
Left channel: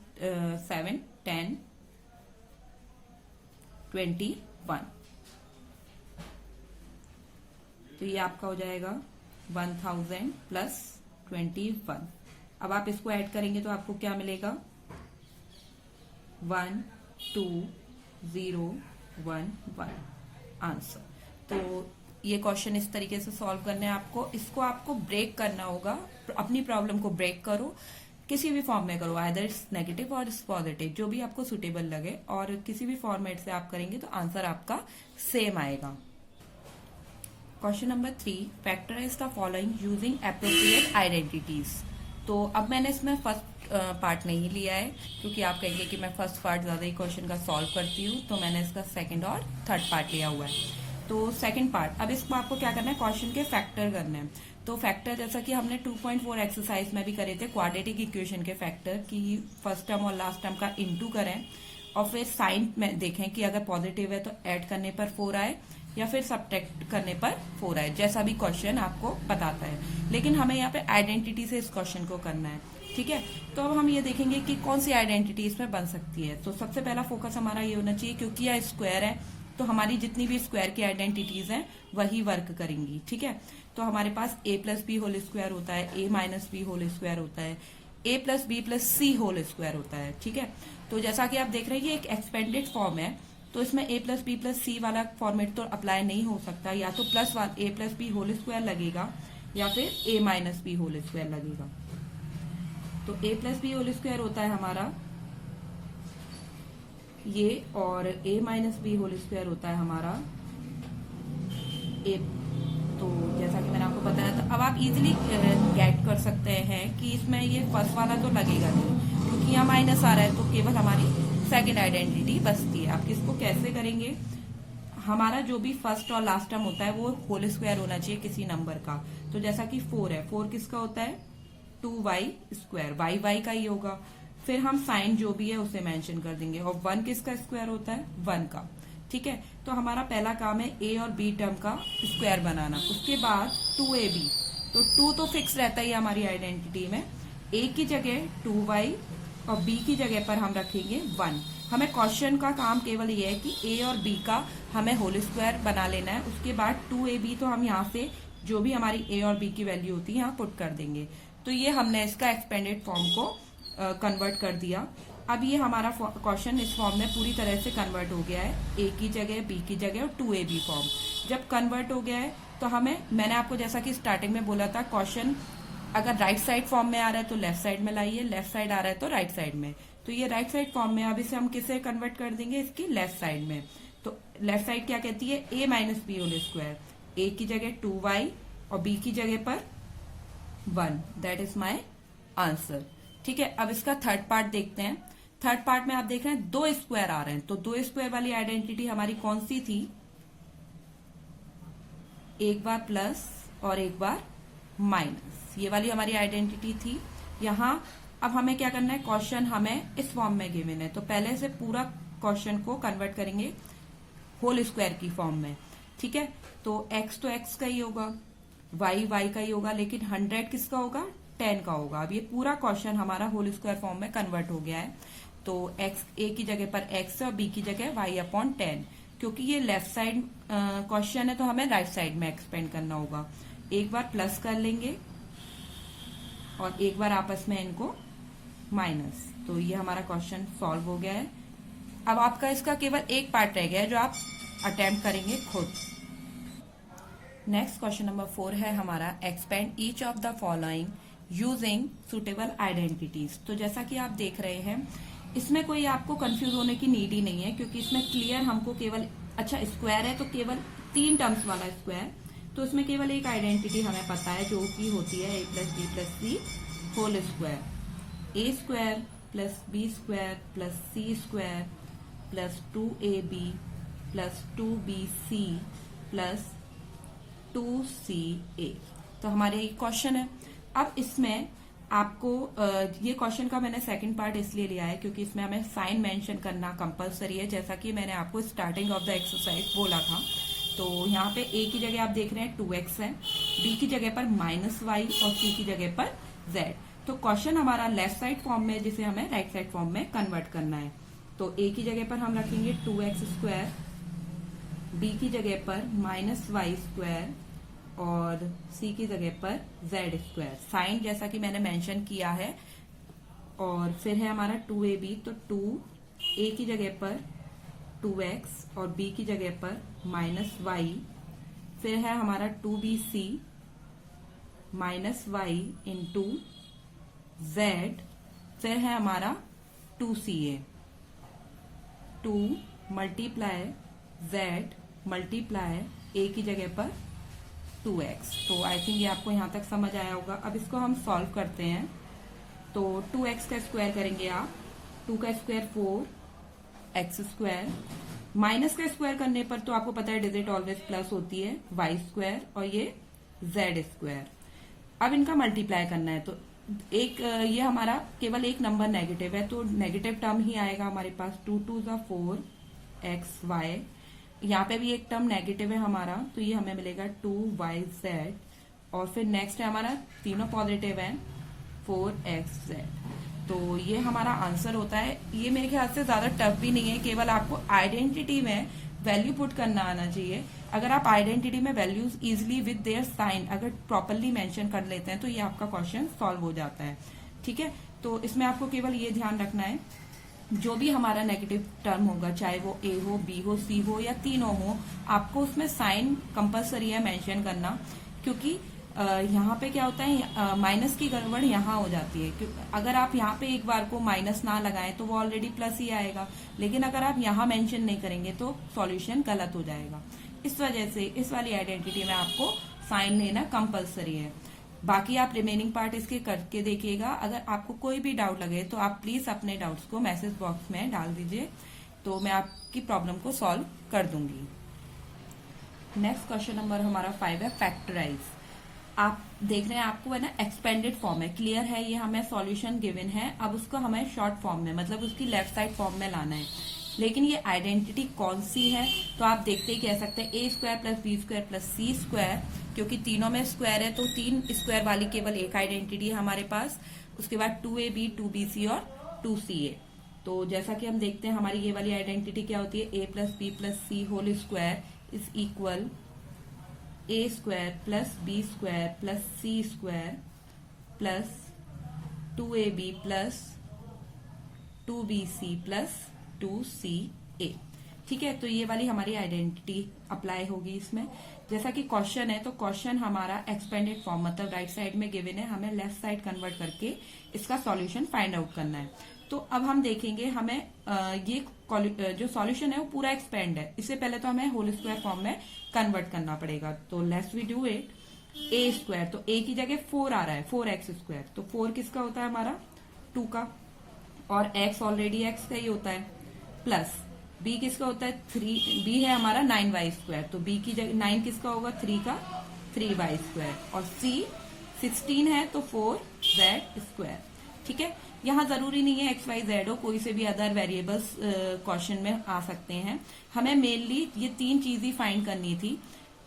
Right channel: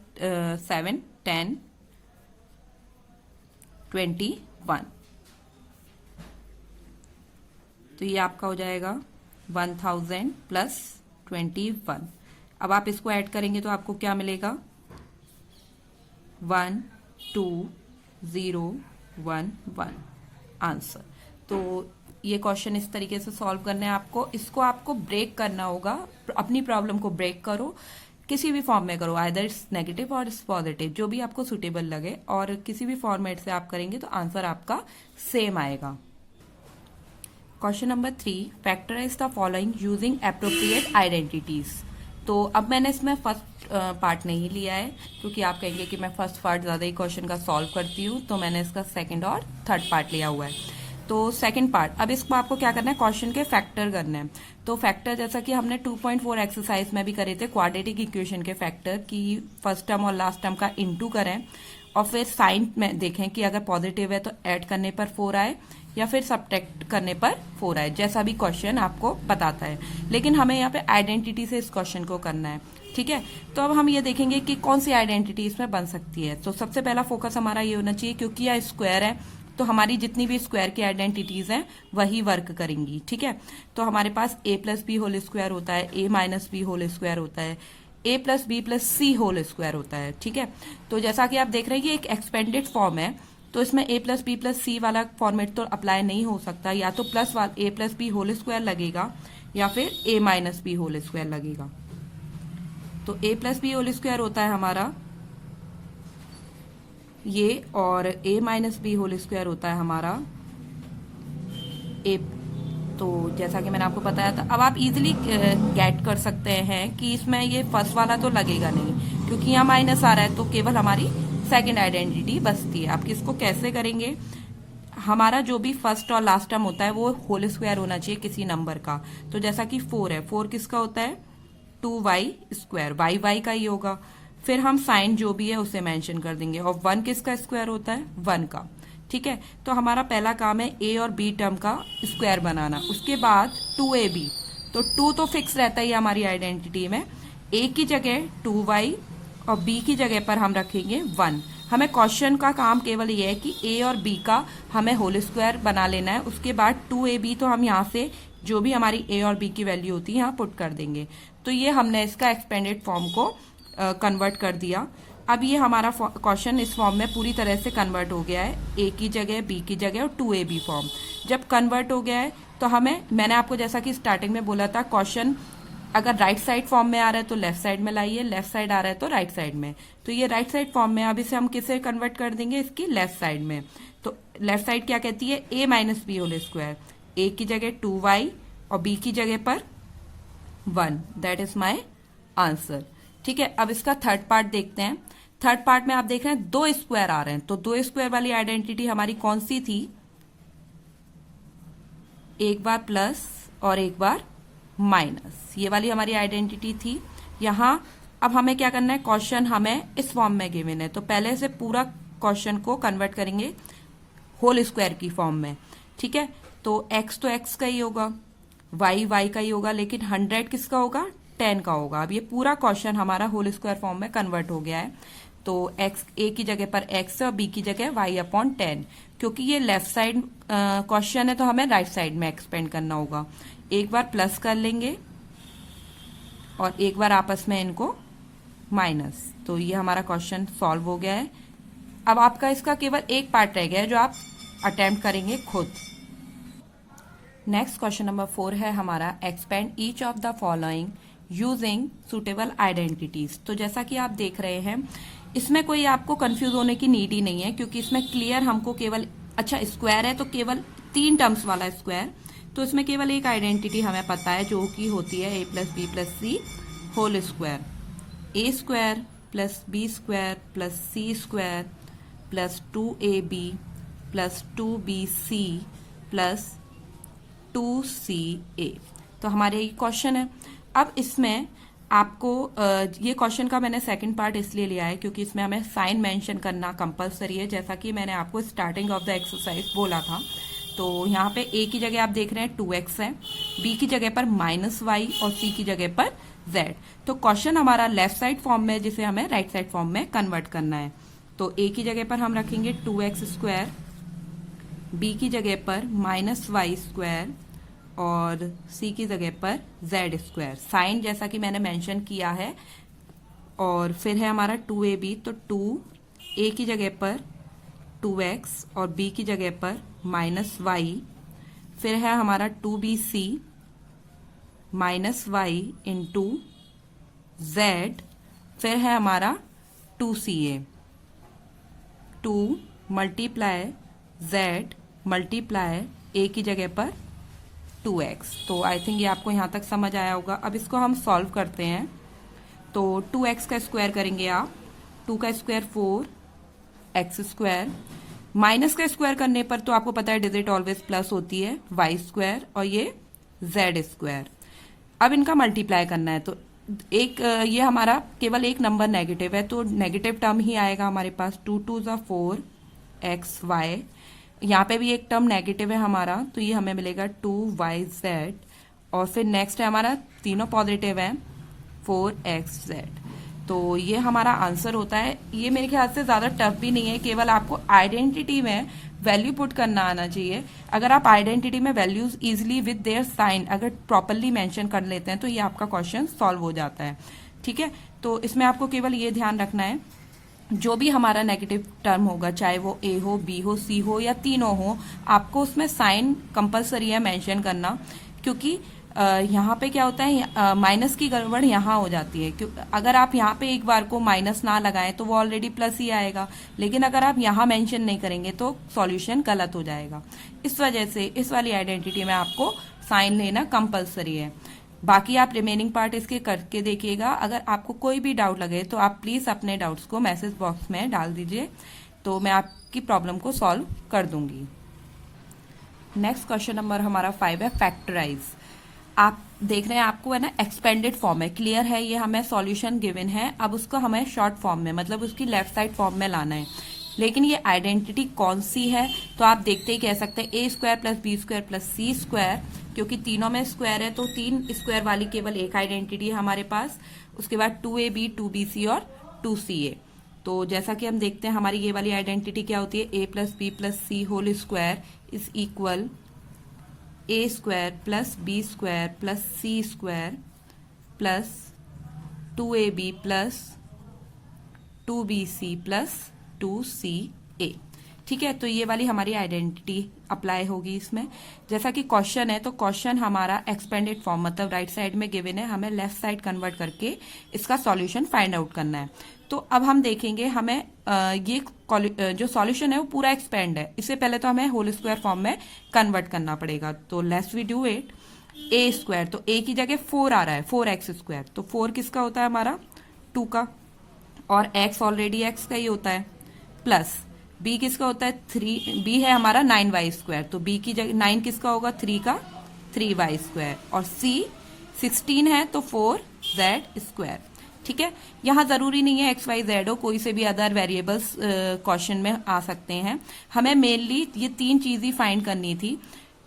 7 10, 21। तो ये आपका हो जाएगा 1000 प्लस 21। अब आप इसको ऐड करेंगे तो आपको क्या मिलेगा, 1 2 0 1 1 आंसर। तो ये क्वेश्चन इस तरीके से सॉल्व करने हैं आपको। इसको आपको ब्रेक करना होगा, अपनी प्रॉब्लम को ब्रेक करो, किसी भी फॉर्म में करो, आइदर इट्स नेगेटिव और इट्स पॉजिटिव, जो भी आपको सुटेबल लगे, और किसी भी फॉर्मेट से आप करेंगे तो आंसर आपका सेम आएगा। Question number 3, factorize the following using appropriate identities. तो अब मैंने इसमें फर्स्ट पार्ट नहीं लिया है, क्योंकि आप कहेंगे कि मैं फर्स्ट पार्ट ज्यादा ही क्वेश्चन का सॉल्व करती हूँ, तो मैंने इसका सेकंड और थर्ड पार्ट लिया हुआ है। तो सेकंड पार्ट, अब इसको आपको क्या करना है, क्वेश्चन के फैक्टर करना है। तो फैक्टर जैसा कि हमने 2.4 एक्सरसाइज में भी करे थे, क्वाड्रेटिक इक्वेशन के फैक्टर की फर्स्ट टर्म और लास्ट टर्म का इनटू करें और फिर साइन में देखें कि अगर पॉजिटिव है तो ऐड करने पर 4 आए या फिर सब्ट्रैक्ट करने पर 4 आए, जैसा भी क्वेश्चन आपको बताता है। लेकिन हमें यहाँ पे आइडेंटिटी से इस क्वेश्चन को करना है। ठीक है, तो अब हम ये देखेंगे कि कौन सी आइडेंटिटी इसमें बन सकती है। तो सबसे पहला फोकस हमारा ये होना चाहिए, क्योंकि यह स्क्वायर है तो हमारी जितनी भी स्क्वायर की आइडेंटिटीज हैं वही वर्क करेंगी। ठीक है, तो हमारे पास a plus b whole square होता है, a minus b whole square होता है, a plus b plus c whole square होता है। ठीक है, तो जैसा कि आप देख रहे हैं ये एक एक्सपेंडेड फॉर्म है, तो इसमें a plus b plus c वाला फॉर्मेट तो अप्लाई नहीं हो सकता, या तो plus a plus b whole square लगेगा या फिर a minus b whole square लगेगा। तो a plus b whole square होता है हमारा ये, और a minus b whole square होता है हमारा a। तो जैसा कि मैंने आपको बताया था, अब आप इजीली गेट कर सकते हैं कि इसमें ये फर्स्ट वाला तो लगेगा नहीं, क्योंकि यहाँ माइनस आ रहा है, तो केवल हमारी सेकंड आइडेंटिटी बचती है। आप किसको कैसे करेंगे, हमारा जो भी फर्स्ट और लास्ट टर्म होता है वो होल स्क्वायर होना चाहिए किसी नंबर का। तो जैसा कि 4 है, 4 किसका होता है, 2y स्क्वायर, y का ही होगा। फिर हम साइन जो भी है उसे मेंशन कर देंगे, और 1 किसका स्क्वायर होता है, 1 का। ठीक है, तो हमारा पहला काम है a और b टर्म का स्क्वायर बनाना। उसके बाद 2ab, तो 2 तो फिक्स रहता ही हमारी आइडेंटिटी में, a की जगह 2y और b की जगह पर हम रखेंगे 1। हमें क्वेश्चन का काम केवल ये है कि a और b का हमें होल स्क्वायर बना लेना है। उसके बाद 2ab तो हम यहाँ से जो भी हमारी a और b की वैल्यू होती है यहाँ पुट कर देंगे। तो ये हमने इसका एक्सपेंडेड फॉर्म को कन्वर्ट कर दिया। अब ये हमारा क्वेश्चन इस फॉर्म में पूरी तरह से कन्वर्ट हो गया है, a की जगह b की जगह और 2ab फॉर्म। जब कन्वर्ट हो गया है तो मैंने आपको जैसा कि स्टार्टिंग में बोला था, क्वेश्चन अगर राइट साइड फॉर्म में आ रहा है तो लेफ्ट साइड में लाइए, लेफ्ट साइड आ रहा है तो राइट साइड में। तो ये राइट साइड फॉर्म में, अब इसे हम किसे कन्वर्ट कर देंगे, इसकी लेफ्ट साइड में। तो लेफ्ट साइड क्या कहती है, a minus b whole square, a की जगह 2y और बी की जगह पर 1। That is my answer. ठीक है, अब इसका थर्ड पार्ट देखते हैं। थर्ड पार्ट में आप देख रहे हैं 2 स्क्वायर आ रहे हैं, तो 2 स्क्वायर वाली आइडेंटिटी हमारी कौन सी थी? एक बार प्लस और एक बार माइनस, ये वाली हमारी आइडेंटिटी थी। यहां अब हमें क्या करना है, क्वेश्चन हमें इस फॉर्म में गिवन है, तो पहले से पूरा क्वेश्चन को कन्वर्ट करेंगे होल स्क्वायर की फॉर्म में। ठीक है, तो x तो x का ही होगा, y y का ही होगा, लेकिन 100 किसका होगा? 10 का होगा। अब ये पूरा क्वेश्चन हमारा होल स्क्वायर फॉर्म में कन्वर्ट हो गया है, तो x a की जगह पर x और b की जगह y/10। क्योंकि ये लेफ्ट साइड क्वेश्चन है तो हमें राइट साइड में एक्सपेंड करना होगा। एक बार प्लस कर लेंगे और एक बार आपस में इनको माइनस, तो ये हमारा क्वेश्चन सॉल्व हो गया है। अब आपका इसका केवल एक पार्ट रह गया है जो आप अटेम्प्ट करेंगे खुद। नेक्स्ट क्वेश्चन नंबर 4 है हमारा, expand each of the following using suitable identities. तो जैसा कि आप देख रहे हैं, इसमें कोई आपको कंफ्यूज होने की नीड ही नहीं है, क्योंकि इसमें क्लियर हमको केवल, अच्छा स्क्वायर है तो केवल 3 टर्म्स वाला स्क्वायर, तो इसमें केवल एक आइडेंटिटी हमें पता है जो कि होती है a + b + c whole square. a square plus b square plus c square plus 2ab plus 2bc plus 2ca। तो हमारे ये क्वेश्चन है। अब इसमें आपको ये क्वेश्चन का मैंने सेकंड पार्ट इसलिए लिया है क्योंकि इसमें हमें साइन मेंशन करना कंपलसरी है, जैसा कि मैंने आपको स्टार्टिंग ऑफ द एक्सरसाइज बोला था। तो यहाँ पे a की जगह आप देख रहे हैं 2x है, b की जगह पर -y और c की जगह पर z। तो क्वेश्चन हमारा लेफ्ट साइड फॉर्म में, जिसे हमें राइट साइड फॉर्म में कन्वर्ट करना है। तो a की जगह पर हम रखेंगे 2x स्क्वायर, b की जगह पर -y स्क्वायर और c की जगह पर z स्क्वायर। साइन जैसा कि मैंने मेंशन किया है। और फिर है हमारा 2ab, तो 2a की जगह पर 2x और b की जगह पर -y। फिर है हमारा 2bc -y इंटू z। फिर है हमारा 2ca, 2 multiply z multiply a की जगह पर 2x। तो आई थिंक ये आपको यहां तक समझ आया होगा। अब इसको हम सॉल्व करते हैं। तो 2x का स्क्वायर करेंगे आप, 2 का स्क्वायर 4x स्क्वायर, माइनस का स्क्वायर करने पर तो आपको पता है डिजिट ऑलवेज प्लस होती है, y स्क्वायर और ये z स्क्वायर। अब इनका मल्टीप्लाई करना है, तो एक ये हमारा केवल एक नंबर नेगेटिव है तो नेगेटिव टर्म ही आएगा हमारे पास। 2 2 = 4xy, यहाँ पे भी एक टर्म नेगेटिव है हमारा, तो ये हमें मिलेगा 2yz। और फिर नेक्स्ट है हमारा, तीनों पॉजिटिव है, 4xz। तो ये हमारा आंसर होता है। ये मेरे ख्याल से ज्यादा टफ भी नहीं है, केवल आपको आइडेंटिटी में वैल्यू पुट करना आना चाहिए। अगर आप आइडेंटिटी में values easily with their sign अगर प्रॉपरली मेंशन कर लेते हैं तो ये आपका क्वेश्चन सॉल्व हो जाता है। ठीक है, तो इसमें आपको केवल ये ध्यान रखना है, जो भी हमारा नेगेटिव टर्म होगा, चाहे वो a हो, b हो, c हो या तीनों हो, आपको उसमें साइन कंपलसरी है मेंशन करना। क्योंकि यहाँ पे क्या होता है, माइनस की गड़बड़ यहाँ हो जाती है। अगर आप यहाँ पे एक बार को माइनस ना लगाएं तो वो ऑलरेडी प्लस ही आएगा, लेकिन अगर आप यहाँ मेंशन नहीं करेंगे तो सॉल्यूशन गलत हो जाएगा। इस वजह से इस वाली आइडेंटिटी में आपको साइन लेना कंपलसरी है। बाकी आप रिमेनिंग पार्ट इसके करके देखिएगा। अगर आपको कोई भी डाउट लगे तो आप प्लीज अपने डाउट्स को मैसेज बॉक्स में डाल दीजिए, तो मैं आपकी प्रॉब्लम को सॉल्व कर दूंगी। नेक्स्ट क्वेश्चन नंबर हमारा 5 है, फैक्टराइज। आप देख रहे हैं आपको है ना एक्सपेंडेड फॉर्म है, क्लियर है, ये हमें सॉल्यूशन गिवन है। अब उसको हमें शॉर्ट फॉर्म में, मतलब उसकी लेफ्ट साइड फॉर्म में लाना है। लेकिन ये आइडेंटिटी कौन सी है, तो आप देखते ही कह सकते हैं a square plus b square plus c square, क्योंकि तीनों में स्क्वायर है तो 3 स्क्वायर वाली केवल एक आइडेंटिटी है हमारे पास। उसके बाद 2ab 2bc और 2ca। तो जैसा कि हम देखते हैं हमारी ये वाली आइडेंटिटी क्या होती है, a plus b plus c whole square is equal a square plus b square plus c square plus 2ab plus 2bc plus 2ca। ठीक है, तो ये वाली हमारी आइडेंटिटी अप्लाई होगी इसमें। जैसा कि क्वेश्चन है तो क्वेश्चन हमारा एक्सपेंडेड फॉर्म, मतलब राइट साइड में गिवन है, हमें लेफ्ट साइड कन्वर्ट करके इसका सॉल्यूशन फाइंड आउट करना है। तो अब हम देखेंगे हमें ये जो सॉल्यूशन है वो पूरा एक्सपेंड है, इससे पहले तो हमें होल स्क्वायर फॉर्म में कन्वर्ट करना पड़ेगा। तो let's we do it. A square, तो ए की जगह 4 आ रहा है, 4x स्क्वायर, तो 4 किसका होता है हमारा 2 का, और x ऑलरेडी x का ही होता है, प्लस b किसका होता है 3, b है हमारा 9y स्क्वायर, तो b की जगह 9 किसका होगा 3 का 3y स्क्वायर, और c 16 है तो 4z स्क्वायर। ठीक है, यहाँ जरूरी नहीं है एक्स वाई जेड हो, कोई से भी अदर वेरिएबल्स क्वेश्चन में आ सकते हैं। हमें मेनली ये 3 चीज ही फाइंड करनी थी,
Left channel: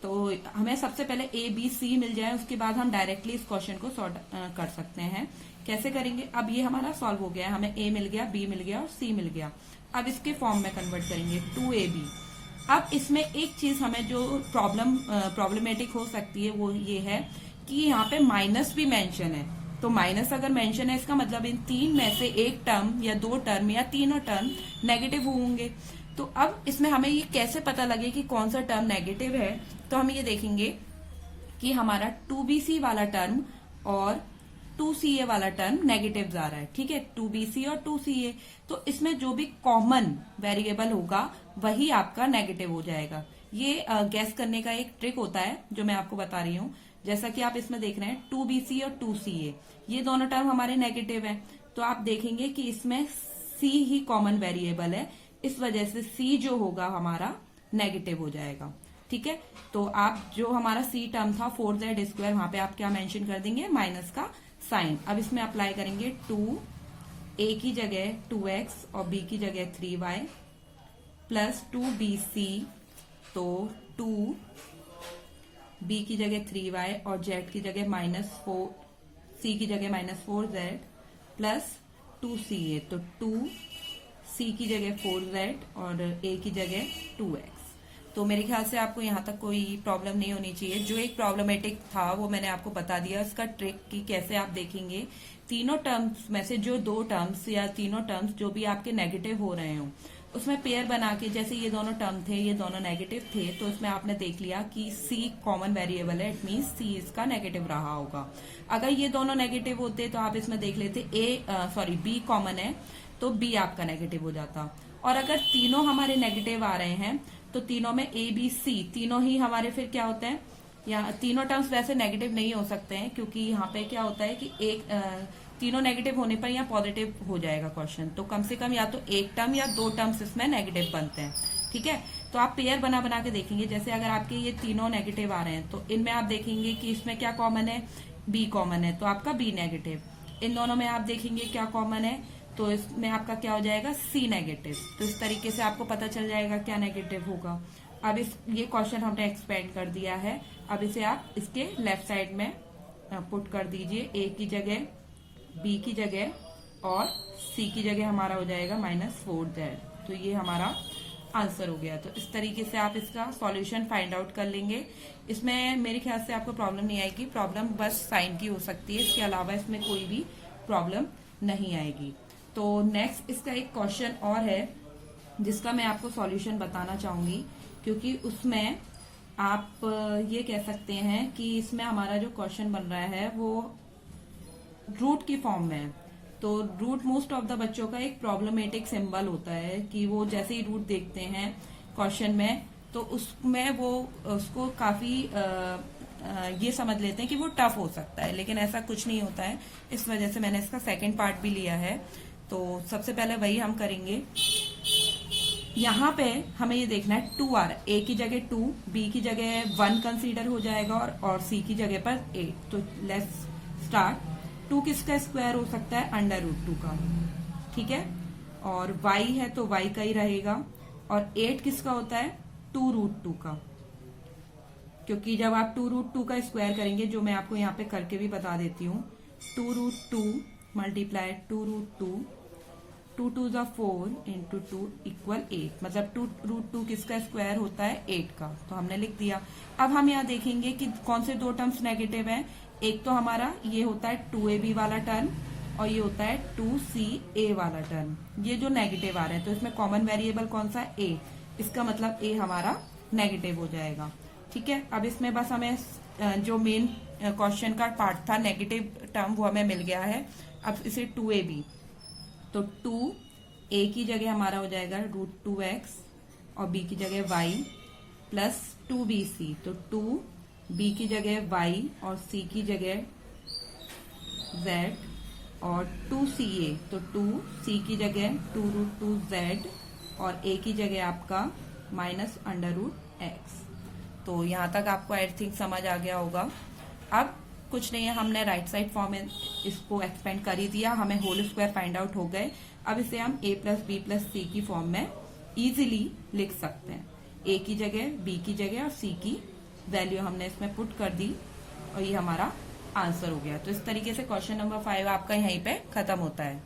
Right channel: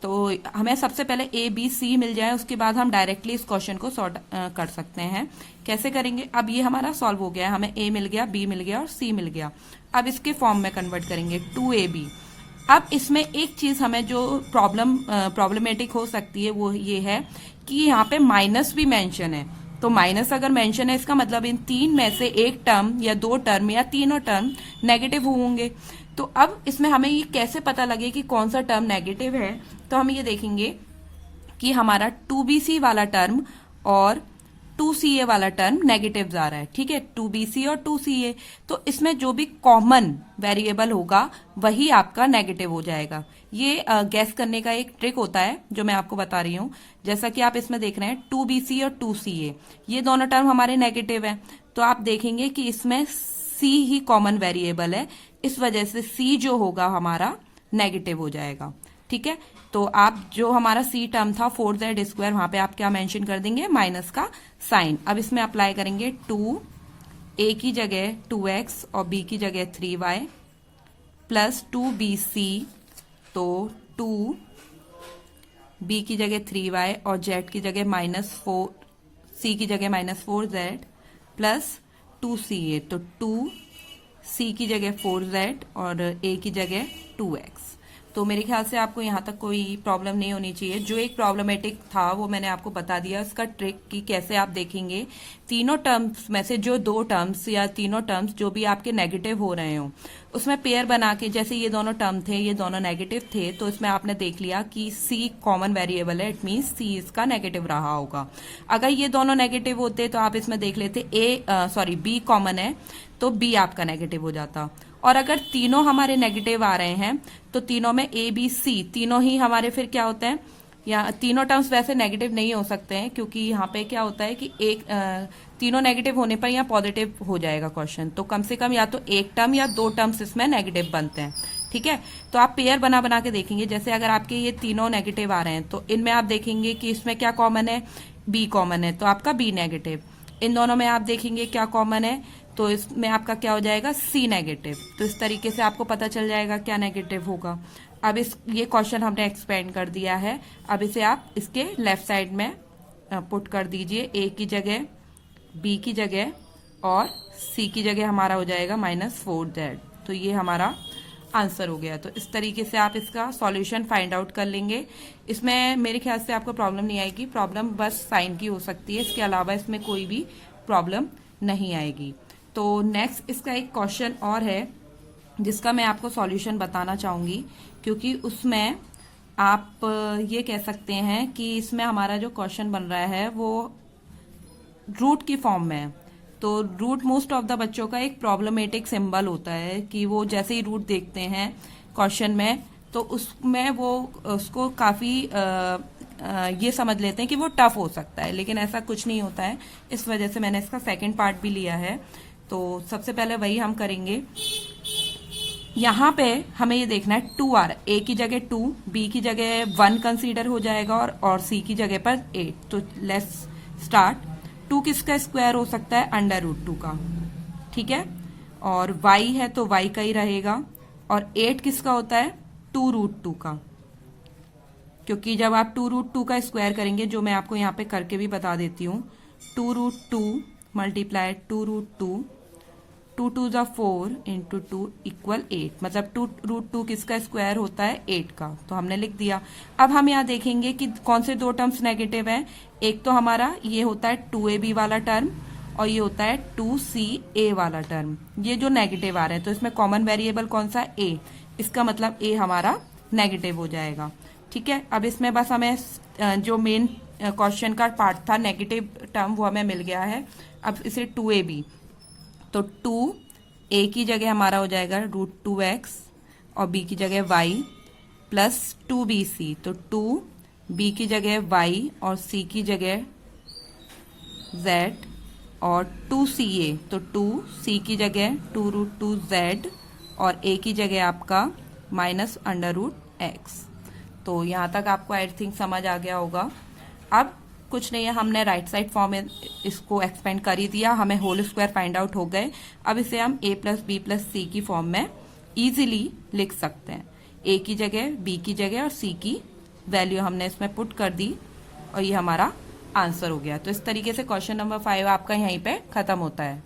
तो हमें सबसे पहले ए बी सी मिल जाए, उसके बाद हम डायरेक्टली इस क्वेश्चन को सॉर्ट कर सकते हैं। कैसे करेंगे, अब ये हमारा सॉल्व हो गया है, हमें ए मिल गया, बी मिल गया और सी मिल गया। अब इसके फॉर्म में कन्वर्ट करेंगे 2ab। अब इसमें एक चीज हमें जो प्रॉब्लमेटिक हो सकती है वो ये है कि यहाँ पे माइनस भी मेंशन है, तो माइनस अगर मेंशन है इसका मतलब इन 3 में से एक टर्म या 2 टर्म या तीनों टर्म नेगेटिव होंगे। तो अब इसमें हमें ये कैसे पता लगे कि कौन सा टर्म नेगेटिव है, तो हम ये देखेंगे कि हमारा 2bc वाला टर्म और 2ca वाला टर्म नेगेटिव आ रहा है। ठीक है, 2bc और 2ca, तो इसमें जो भी कॉमन वेरिएबल होगा वही आपका नेगेटिव हो जाएगा। ये गैस करने का एक ट्रिक होता है जो मैं आपको बता रही हूँ। जैसा कि आप इसमें देख रहे हैं 2bc और 2ca, ये दोनों टर्म हमारे नेगेटिव हैं, तो आप देखेंगे कि इसमें c ही कॉमन वेरिएबल है, इस वजह से c जो होगा हमारा नेगेटिव हो जाएगा। ठीक है, तो आप जो हमारा c टर्म था 4z स्क्वायर, वहां पे आप क्या मेंशन कर देंगे, माइनस का साइन। अब इसमें अप्लाई करेंगे 2, a की जगह 2x और b की जगह 3y प्लस 2bc, तो 2 b की जगह 3y और z की जगह -4, c की जगह -4z प्लस 2ca, तो 2c की जगह 4z और a की जगह 2x। तो मेरे ख्याल से आपको यहाँ तक कोई प्रॉब्लम नहीं होनी चाहिए। जो एक प्रॉब्लमेटिक था वो मैंने आपको बता दिया, उसका ट्रिक कि कैसे आप देखेंगे तीनों टर्म्स में से जो 2 टर्म्स या तीनों टर्म्स जो भी आपके नेगेटिव हो रहे हो उसमें पेयर बना के, जैसे ये दोनों टर्म थे, ये दोनों नेगेटिव थे, तो इसमें आपने देख लिया कि c कॉमन वेरिएबल है, इट मींस c इसका नेगेटिव रहा होगा। अगर ये दोनों नेगेटिव होते तो आप इसमें देख लेते b कॉमन है तो b आपका नेगेटिव हो जाता। और अगर तीनों हमारे नेगेटिव आ रहे हैं तो तीनों में a b c तीनों ही हमारे फिर क्या होते हैं, या तीनों टर्म्स वैसे नेगेटिव नहीं हो सकते हैं, क्योंकि यहाँ पे क्या होता है कि तीनों नेगेटिव होने पर यहाँ पॉजिटिव हो जाएगा क्वेश्चन, तो कम से कम या तो एक टर्म या 2 टर्म्स इसमें नेगेटिव बनते हैं। ठीक है, तो आप पेयर बना बना के देखेंगे, जैसे अगर आपके ये तीनों नेगेटिव आ रहे हैं तो इनमें आप देखेंगे कि इसमें क्या कॉमन है, b कॉमन है, तो आपका b नेगेटिव। इन दोनों में आप देखेंगे क्या कॉमन है, तो इसमें आपका क्या हो जाएगा, c नेगेटिव। तो इस तरीके से आपको पता चल जाएगा क्या नेगेटिव होगा। अब ये क्वेश्चन हमने एक्सपेंड कर दिया है, अब इसे आप इसके लेफ्ट साइड में पुट कर दीजिए, a की जगह b की जगह और c की जगह हमारा हो जाएगा -4z। तो ये हमारा आंसर हो गया। तो इस तरीके से आप इसका सॉल्यूशन फाइंड आउट कर लेंगे। इसमें मेरे ख्याल से आपको प्रॉब्लम नहीं आएगी, प्रॉब्लम बस साइन की हो सकती है, इसके अलावा इसमें कोई भी प्रॉब्लम नहीं आएगी। तो नेक्स्ट इसका एक क्वेश्चन और है जिसका मैं आपको सॉल्यूशन बताना चाहूंगी, क्योंकि उसमें आप ये कह सकते हैं कि इसमें हमारा जो क्वेश्चन बन रहा है वो रूट की फॉर्म में है। तो रूट मोस्ट ऑफ द बच्चों का एक प्रॉब्लमेटिक सिंबल होता है कि वो जैसे ही रूट देखते हैं क्वेश्चन में तो उसमें वो उसको काफी ये समझ लेते हैं कि वो टफ हो सकता है, लेकिन ऐसा कुछ नहीं होता है। इस वजह से मैंने इसका सेकंड पार्ट भी लिया है। तो सबसे पहले वही हम करेंगे। यहाँ पे हमें ये देखना है 2 आ रहा है, a की जगह 2, b की जगह 1 कंसीडर हो जाएगा और c की जगह पर 8। तो लेट्स स्टार्ट। 2 किसका स्क्वायर हो सकता है, √2 का। ठीक है, और y है तो y का ही रहेगा, और 8 किसका होता है, 2√2 का। क्योंकि जब आप 2√2 का स्क्वायर करेंगे, जो मैं आपको यहाँ पे करके भी बता देती हूँ, 2√2 मल्टीप्लाई 2√2, 2 2 जा 4 इंटू 2 इक्वल 8, मतलब 2√2 किसका स्क्वायर होता है, 8 का। तो हमने लिख दिया। अब हम यहाँ देखेंगे कि कौन से 2 टर्म्स नेगेटिव हैं। एक तो हमारा ये होता है 2ab वाला टर्म और ये होता है 2ca वाला टर्म, ये जो नेगेटिव आ रहे हैं। तो इसमें कॉमन वेरिएबल कौन सा, a, इसका मतलब a हमारा नेगेटिव हो जाएगा। ठीक है, अब इसमें बस हमें जो मेन क्वेश्चन का पार्ट था नेगेटिव टर्म वो हमें मिल गया है। अब इसे 2ab, तो 2 a की जगह हमारा हो जाएगा √2x और b की जगह y प्लस 2bc, तो 2b की जगह y और c की जगह z और 2ca, तो 2c की जगह 2√2z और a की जगह आपका -√x। तो यहाँ तक आपको आई थिंक समझ आ गया होगा। अब कुछ नहीं है, हमने राइट साइड फॉर्म में इसको एक्सपेंड कर ही दिया, हमें होल स्क्वायर फाइंड आउट हो गए। अब इसे हम a प्लस बी प्लस सी की फॉर्म में इजीली लिख सकते हैं। a की जगह b की जगह और c की वैल्यू हमने इसमें पुट कर दी और ये हमारा आंसर हो गया। तो इस तरीके से क्वेश्चन नंबर 5 आपका यहीं पे खत्म होता है।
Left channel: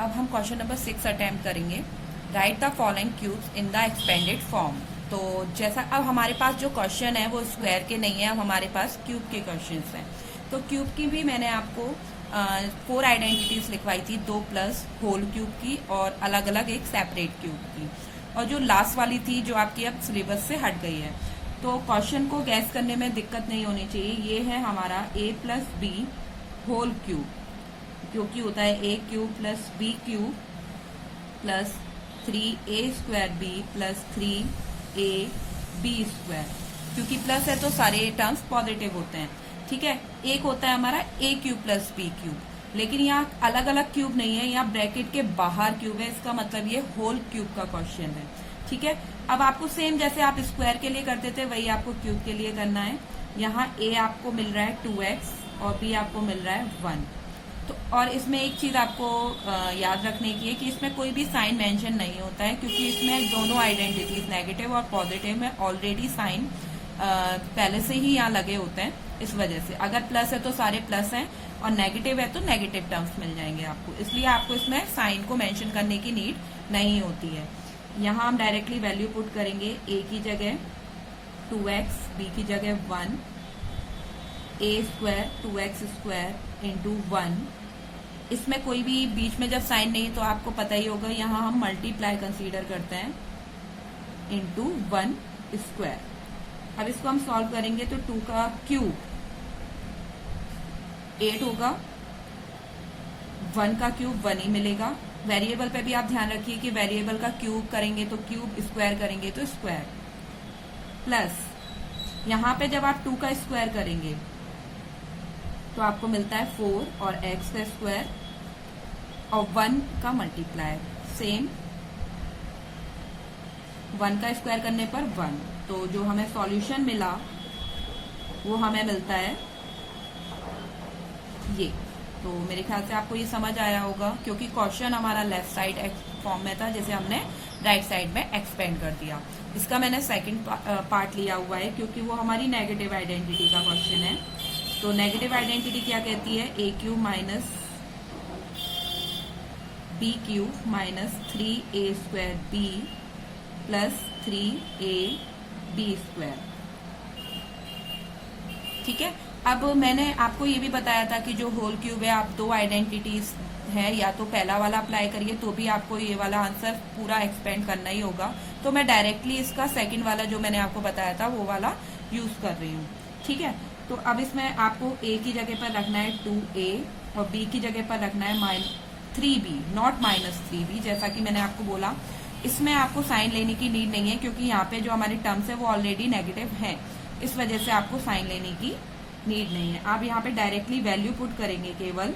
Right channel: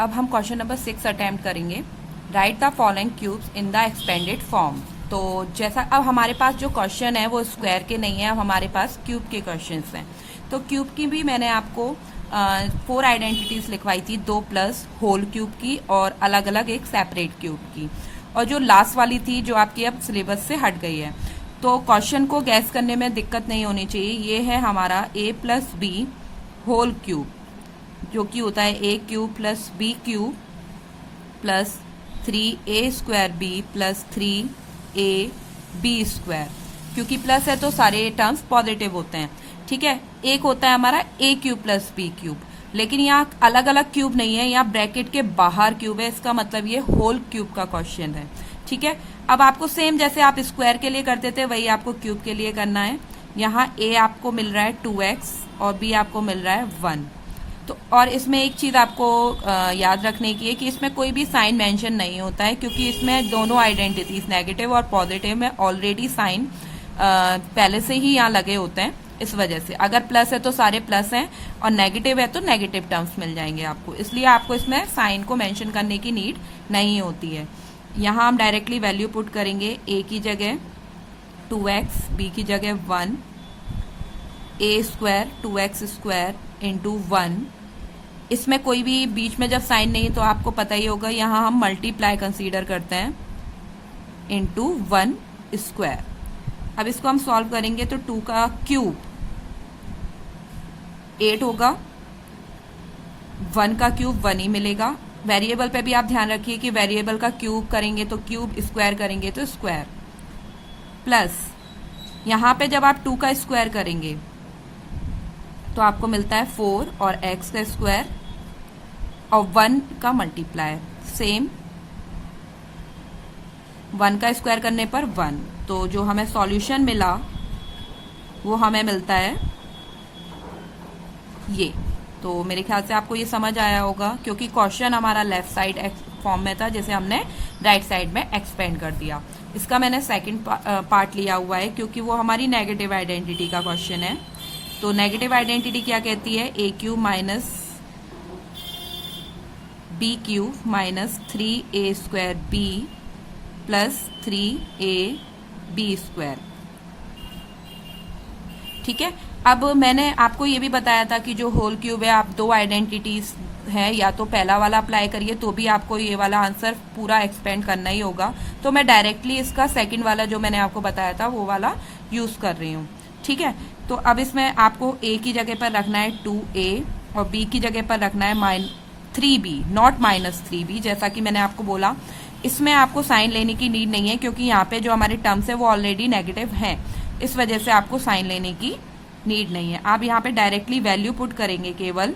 अब हम क्वेश्चन नंबर 6 अटेम्प्ट करेंगे। Right the following cubes in the expanded form. तो जैसा अब हमारे पास जो क्वेश्चन है वो स्क्वायर के नहीं है, अब हमारे पास क्यूब के क्वेश्चंस हैं। तो क्यूब की भी मैंने आपको 4 आइडेंटिटीज लिखवाई थी, 2 प्लस होल क्यूब की और अलग अलग एक सेपरेट क्यूब की, और जो लास्ट वाली थी जो आपकी अब सिलेबस से हट गई है। तो क्वेश्चन को गैस करने में दिक्कत नहीं होनी चाहिए। ये है हमारा a plus b whole cube, जो कि होता है a cube plus b cube plus 3a square b plus 3ab square. क्योंकि प्लस है तो सारे टर्म्स पॉजिटिव होते हैं, ठीक है। एक होता है हमारा a cube plus b cube, लेकिन यहाँ अलग अलग क्यूब नहीं है, यहाँ ब्रैकेट के बाहर क्यूब है, इसका मतलब ये होल क्यूब का क्वेश्चन है, ठीक है। अब आपको सेम जैसे आप स्क्वायर के लिए करते थे वही आपको क्यूब के लिए करना है। यहाँ a आपको मिल रहा है 2x और b आपको मिल रहा है 1। तो और इसमें एक चीज आपको याद रखने की है कि इसमें कोई भी साइन मेंशन नहीं होता है, क्योंकि इसमें दोनों आइडेंटिटीज नेगेटिव और पॉजिटिव में ऑलरेडी साइन पहले से ही यहाँ लगे होते हैं। इस वजह से अगर प्लस है तो सारे प्लस हैं और नेगेटिव है तो नेगेटिव टर्म्स मिल जाएंगे आपको, इसलिए आपको इसमें साइन को मेंशन करने की नीड नहीं होती है। यहाँ हम डायरेक्टली वैल्यू पुट करेंगे, a की जगह 2x, b की जगह 1, a square 2x square into 1। इसमें कोई भी बीच में जब साइन नहीं तो आपको पता ही होगा, यहाँ हम मल्टीप्लाई कंसीडर करते हैं इंटू 1 स्क्वायर। अब इसको हम सॉल्व करेंगे तो 2 का क्यूब 8 होगा, 1 का क्यूब 1 ही मिलेगा। वेरिएबल पे भी आप ध्यान रखिए कि वेरिएबल का क्यूब करेंगे तो क्यूब, स्क्वायर करेंगे तो स्क्वायर, प्लस यहाँ पे जब आप 2 का स्क्वायर करेंगे तो आपको मिलता है 4 और x का स्क्वायर और 1 का मल्टीप्लाई, सेम 1 का स्क्वायर करने पर 1। तो जो हमें सॉल्यूशन मिला वो हमें मिलता है ये। तो मेरे ख्याल से आपको ये समझ आया होगा, क्योंकि क्वेश्चन हमारा लेफ्ट साइड फॉर्म में था, जैसे हमने राइट साइड में एक्सपेंड कर दिया। इसका मैंने सेकंड पार्ट लिया हुआ है क्योंकि वो हमारी नेगेटिव आइडेंटिटी का क्वेश्चन है। तो नेगेटिव आइडेंटिटी क्या कहती है, a cube minus b cube minus 3a square b plus 3ab square, ठीक है। अब मैंने आपको ये भी बताया था कि जो होल क्यूब है, आप 2 आइडेंटिटीज है, या तो पहला वाला अप्लाई करिए तो भी आपको ये वाला आंसर पूरा एक्सपेंड करना ही होगा। तो मैं डायरेक्टली इसका सेकंड वाला जो मैंने आपको बताया था वो वाला यूज कर रही हूँ, ठीक है। तो अब इसमें आपको a की जगह पर रखना है 2a और b की जगह पर रखना है 3b, नॉट -3b, जैसा कि मैंने आपको बोला। इसमें आपको साइन लेने की नीड नहीं है, क्योंकि यहाँ पे जो हमारे टर्म्स है वो ऑलरेडी नेगेटिव है, इस वजह से आपको साइन लेने की नीड नहीं है। आप यहाँ पे डायरेक्टली वैल्यू पुट करेंगे, केवल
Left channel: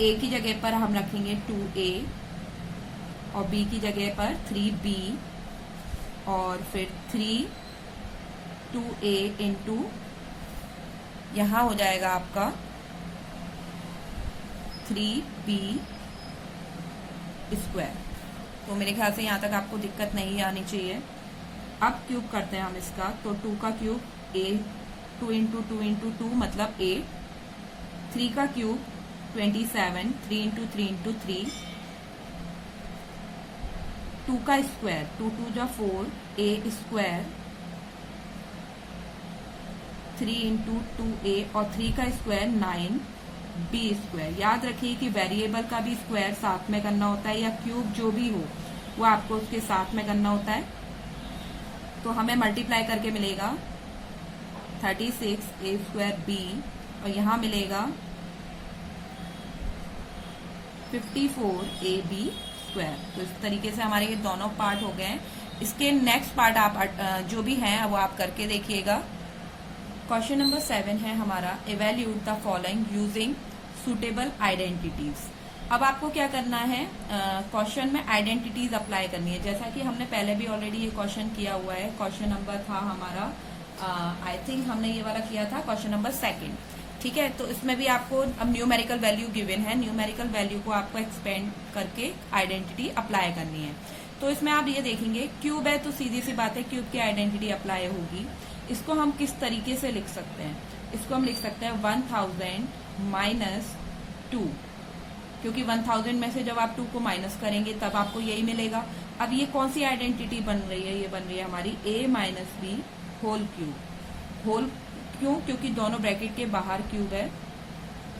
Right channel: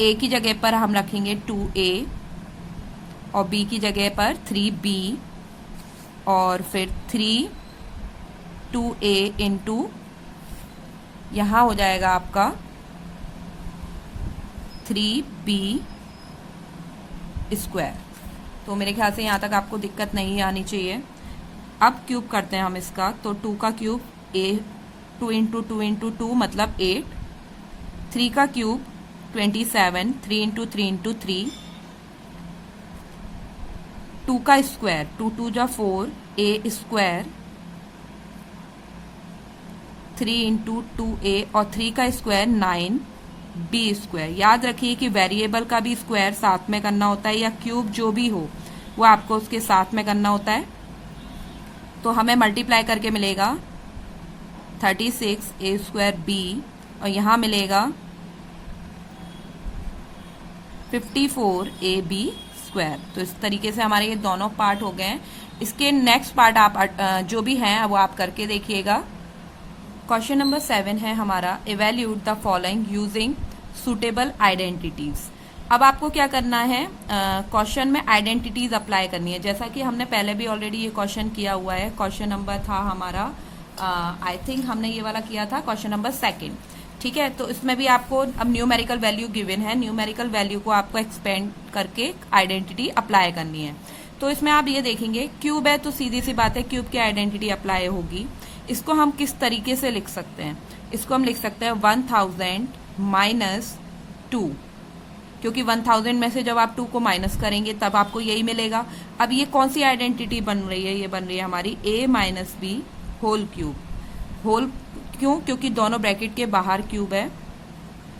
a की जगह पर हम रखेंगे 2a और b की जगह पर 3b और फिर 2a इंटू यहाँ हो जाएगा आपका 3b स्क्वायर। तो मेरे ख्याल से यहाँ तक आपको दिक्कत नहीं आनी चाहिए। अब क्यूब करते हैं हम इसका, तो 2 का क्यूब a, 2 इंटू 2 इंटू 2 मतलब 8, 3 का क्यूब 27, 3 इंटू 3 इंटू 3, 2 का स्क्वायर 2 2 जा 4, a स्क्वायर 3 इंटू 2a और 3 का स्क्वायर 9 b स्क्वायर। याद रखिए कि वेरिएबल का भी स्क्वायर साथ में करना होता है, या क्यूब जो भी हो वो आपको उसके साथ में करना होता है। तो हमें मल्टीप्लाई करके मिलेगा 36 a स्क्वायर b और यहाँ मिलेगा 54ab स्क्वायर। तो इस तरीके से हमारे ये दोनों पार्ट हो गए हैं। इसके नेक्स्ट पार्ट आप जो भी हैं वो आप करके देखिएगा। क्वेश्चन नंबर 7 है हमारा, evaluate the following using suitable identities. अब आपको क्या करना है, क्वेश्चन में आइडेंटिटीज अप्लाई करनी है। जैसा कि हमने पहले भी ऑलरेडी ये क्वेश्चन किया हुआ है। क्वेश्चन नंबर था हमारा आई थिंक हमने ये वाला किया था क्वेश्चन नंबर 2। ठीक है, तो इसमें भी आपको अब न्यूमेरिकल वैल्यू गिवन है, न्यूमेरिकल वैल्यू को आपको एक्सपेंड करके आइडेंटिटी अप्लाई करनी है। तो इसमें आप ये देखेंगे क्यूब है तो सीधी सी बात है क्यूब की आइडेंटिटी अप्लाई होगी। इसको हम किस तरीके से लिख सकते हैं, इसको हम लिख सकते हैं 1000 माइनस 2, क्योंकि 1000 में से जब आप 2 को माइनस करेंगे तब आपको यही मिलेगा। अब ये कौन सी आइडेंटिटी बन रही है, ये बन रही है हमारी a minus b whole cube. Whole क्यों, क्योंकि दोनों ब्रैकेट के बाहर क्यूब है।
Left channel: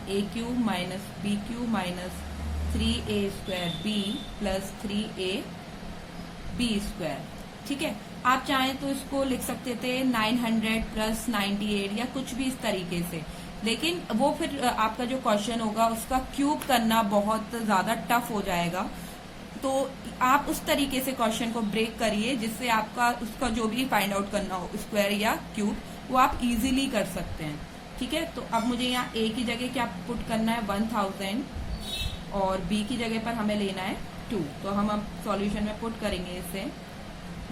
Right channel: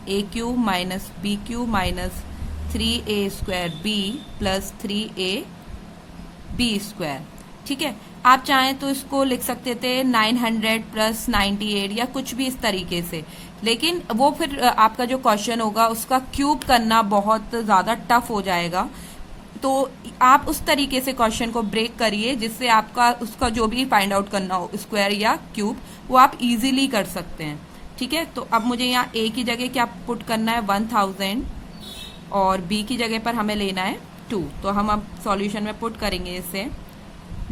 a cube minus b cube minus 3a square b plus 3a b square. ठीक है, आप चाहें तो इसको लिख सकते थे 900 प्लस 98 या कुछ भी इस तरीके से, लेकिन वो फिर आपका जो क्वेश्चन होगा उसका क्यूब करना बहुत ज्यादा टफ हो जाएगा। तो आप उस तरीके से क्वेश्चन को ब्रेक करिए जिससे आपका उसका जो भी फाइंड आउट करना हो स्क्वायर या क्यूब वो आप इजीली कर सकते हैं। ठीक है, तो अब मुझे यहाँ a की जगह क्या पुट करना है 1000 और b की जगह पर हमें लेना है 2। तो हम अब सॉल्यूशन में पुट करेंगे इसे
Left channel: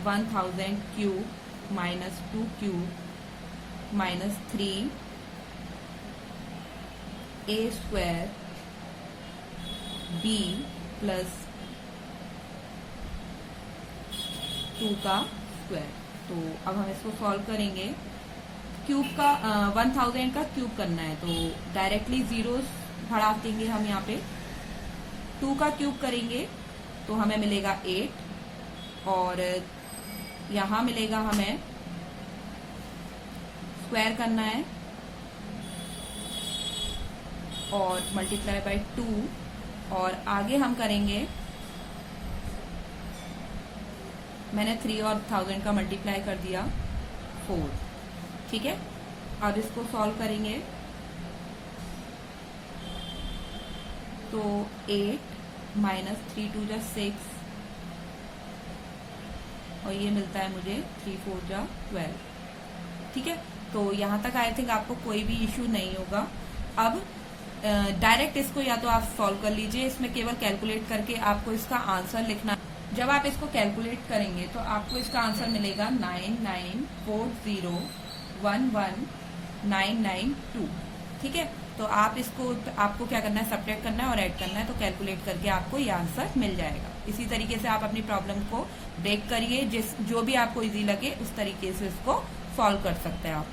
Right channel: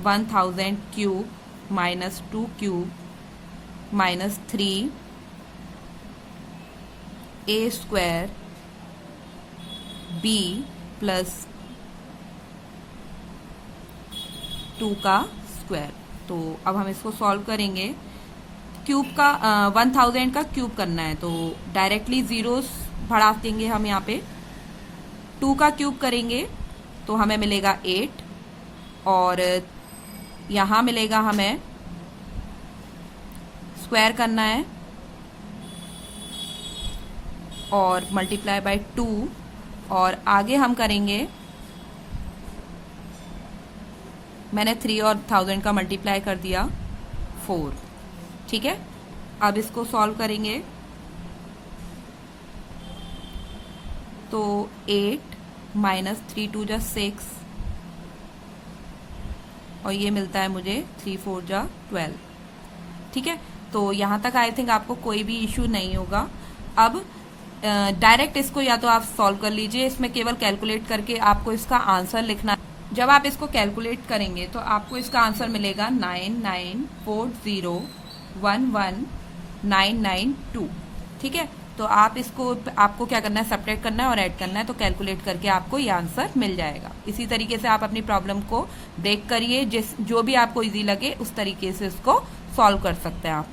1000 cube minus 2 cube minus 3 a square b plus 2 का स्क्वायर। तो अब हम इसको सॉल्व करेंगे। क्यूब का 1000 का क्यूब करना है तो डायरेक्टली जीरोस बढ़ा देंगे हम यहाँ पे। 2 का क्यूब करेंगे तो हमें मिलेगा 8 और यहाँ मिलेगा हमें स्क्वायर करना है और मल्टीप्लाई बाय 2 और आगे हम करेंगे, मैंने 3 और 1000 का मल्टीप्लाई कर दिया 4। ठीक है, अब इसको सॉल्व करेंगे तो 8 माइनस 3 2 जा 6 और ये मिलता है मुझे 3 4 जा 12। ठीक है, तो यहाँ तक आई थिंक आपको कोई भी इश्यू नहीं होगा। अब डायरेक्ट इसको या तो आप सॉल्व कर लीजिए, इसमें केवल कैलकुलेट करके आपको इसका आंसर लिखना है। जब आप इसको कैलकुलेट करेंगे तो आपको इसका आंसर मिलेगा 9940119992। ठीक है, तो आप इसको आपको क्या करना है, सब्ट्रैक्ट करना है और ऐड करना है। तो कैलकुलेट करके आपको ये आंसर मिल जाएगा। इसी तरीके से आप अपनी प्रॉब्लम को ब्रेक करिए, जो भी आपको इजी लगे उस तरीके से उसको सॉल्व कर सकते हैं आप।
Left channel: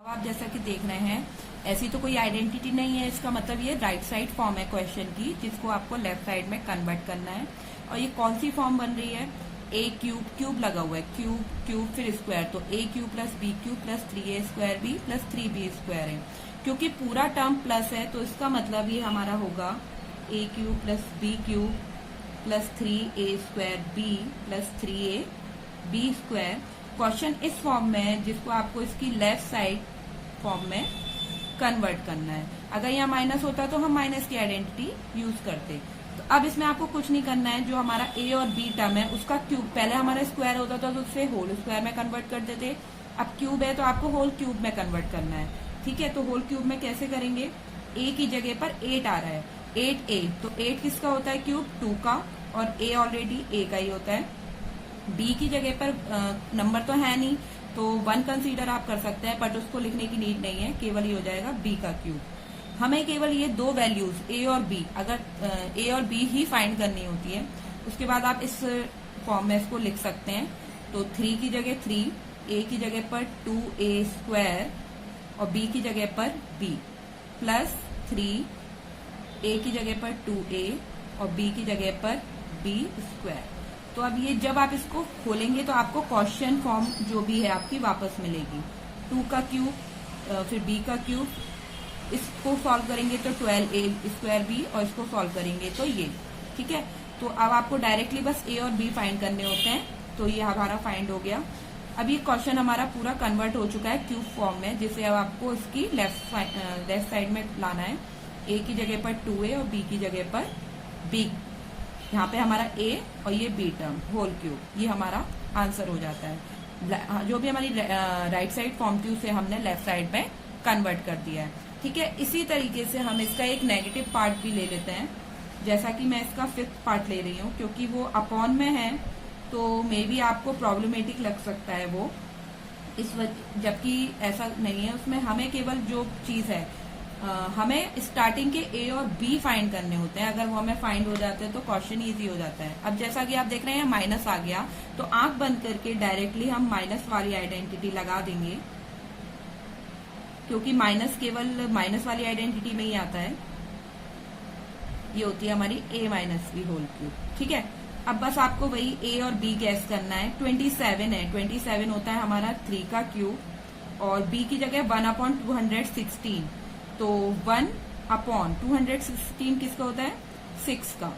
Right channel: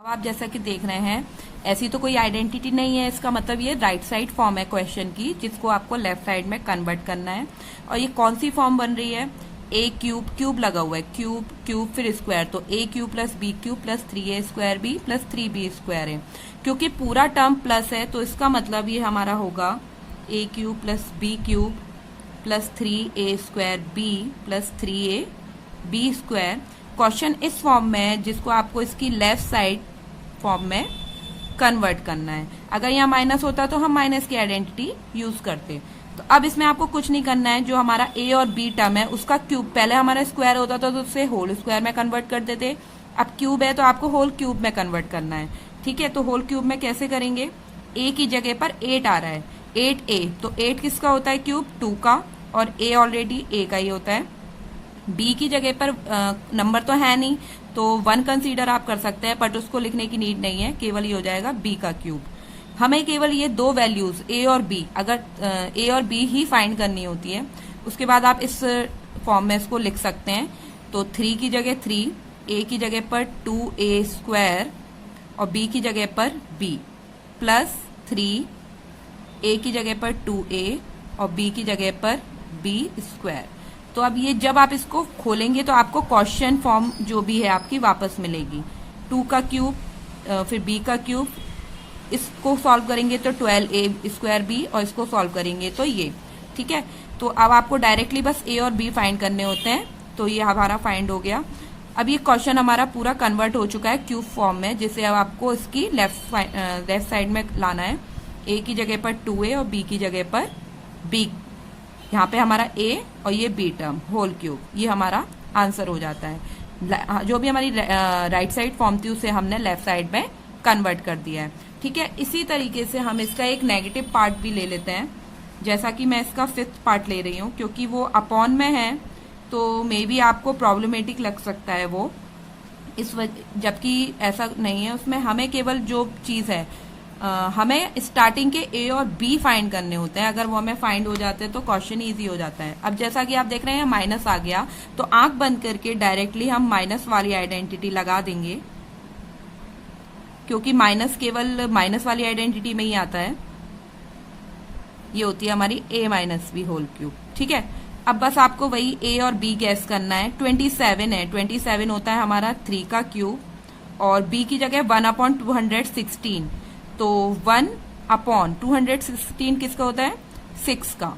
अब आप जैसा कि देख रहे हैं ऐसी तो कोई आइडेंटिटी नहीं है, इसका मतलब ये राइट साइड फॉर्म है क्वेश्चन की जिसको आपको लेफ्ट साइड में कन्वर्ट करना है। और ये कौन सी फॉर्म बन रही है, a क्यूब क्यूब लगा हुआ है, क्यूब क्यूब फिर स्क्वायर, तो a cube plus b cube plus 3a square b plus 3b square है। क्योंकि पूरा टर्म प्लस है तो इसका मतलब ये हमारा होगा a cube plus b cube plus 3a square b plus 3a b square. Question इस फॉर्म में है जिसको आपको इसकी लेफ्ट साइड फॉर्म में कन्वर्ट करना है। अगर यहाँ माइनस होता तो हम माइनस की आइडेंटिटी यूज करते। तो अब इसमें आपको कुछ नहीं करना है, जो हमारा a और b टर्म है उसका क्यूब, पहले हमारा स्क्वायर होता था तो उसे होल स्क्वायर में कन्वर्ट कर देते, अब क्यूब है तो आपको होल क्यूब में कन्वर्ट करना है। ठीक है, तो होल क्यूब में कैसे करेंगे, a की जगह पर 8 आ रहा है, 8a, तो 8 किसका होता है क्यूब, 2 का, और a ऑलरेडी a का ही होता है। b की जगह पर नंबर तो है नहीं तो 1 कंसीडर आप कर सकते हैं, बट उसको लिखने की नीड नहीं है, केवल ये हो जाएगा b का क्यूब। हमें केवल ये दो वैल्यूज a और b, अगर a और b ही फाइंड करनी होती है, उसके बाद आप इस फॉर्म में इसको लिख सकते हैं। तो 3 की जगह 3, a की जगह पर 2a स्क्वायर और b की जगह पर b प्लस 3, a की जगह पर 2a और b की जगह पर b स्क्वायर। तो अब ये जब आप इसको खोलेंगे तो आपको क्वेश्चन फॉर्म जो भी है आपकी वापस मिलेगी, 2 का क्यूब फिर b का क्यूब, इसको सॉल्व करेंगे तो 12a स्क्वायर b और इसको सॉल्व करेंगे तो ये। ठीक है, तो अब आपको डायरेक्टली बस a और b फाइंड करने होते हैं, तो ये हमारा फाइंड हो गया। अब ये क्वेश्चन हमारा पूरा कन्वर्ट हो चुका है क्यूब फॉर्म में, जिसे अब आपको इसकी लेफ्ट साइड में लाना है। ए की जगह पर 2a और बी की जगह पर b, यहाँ पे हमारा a और ये b टर्म होल क्यूब, ये हमारा आंसर हो जाता है। जो भी हमारी राइट साइड फॉर्म थी उसे हमने लेफ्ट साइड में कन्वर्ट कर दिया है। ठीक है, इसी तरीके से हम इसका एक नेगेटिव पार्ट भी ले लेते हैं। जैसा कि मैं इसका 5th पार्ट ले रही हूँ, क्योंकि वो अपॉन में है तो मे बी आपको प्रॉब्लमेटिक लग सकता है वो, इस वजह, जबकि ऐसा नहीं है। उसमें हमें केवल जो चीज है, हमें स्टार्टिंग के ए और बी फाइंड करने होते हैं। अगर वो हमें फाइंड हो जाते हैं तो क्वेश्चन इजी हो जाता है। अब जैसा कि आप देख रहे हैं माइनस आ गया, तो आंख बंद करके डायरेक्टली हम माइनस वाली आइडेंटिटी लगा देंगे, क्योंकि माइनस केवल माइनस वाली आइडेंटिटी में ही आता है। ये होती है हमारी a minus b whole cube. ठीक है, अब बस आपको वही a और b गैस करना है। 27 है, 27 होता है हमारा 3 का क्यूब, और b की जगह 1/216, तो 1/216 किसका होता है? 6 का।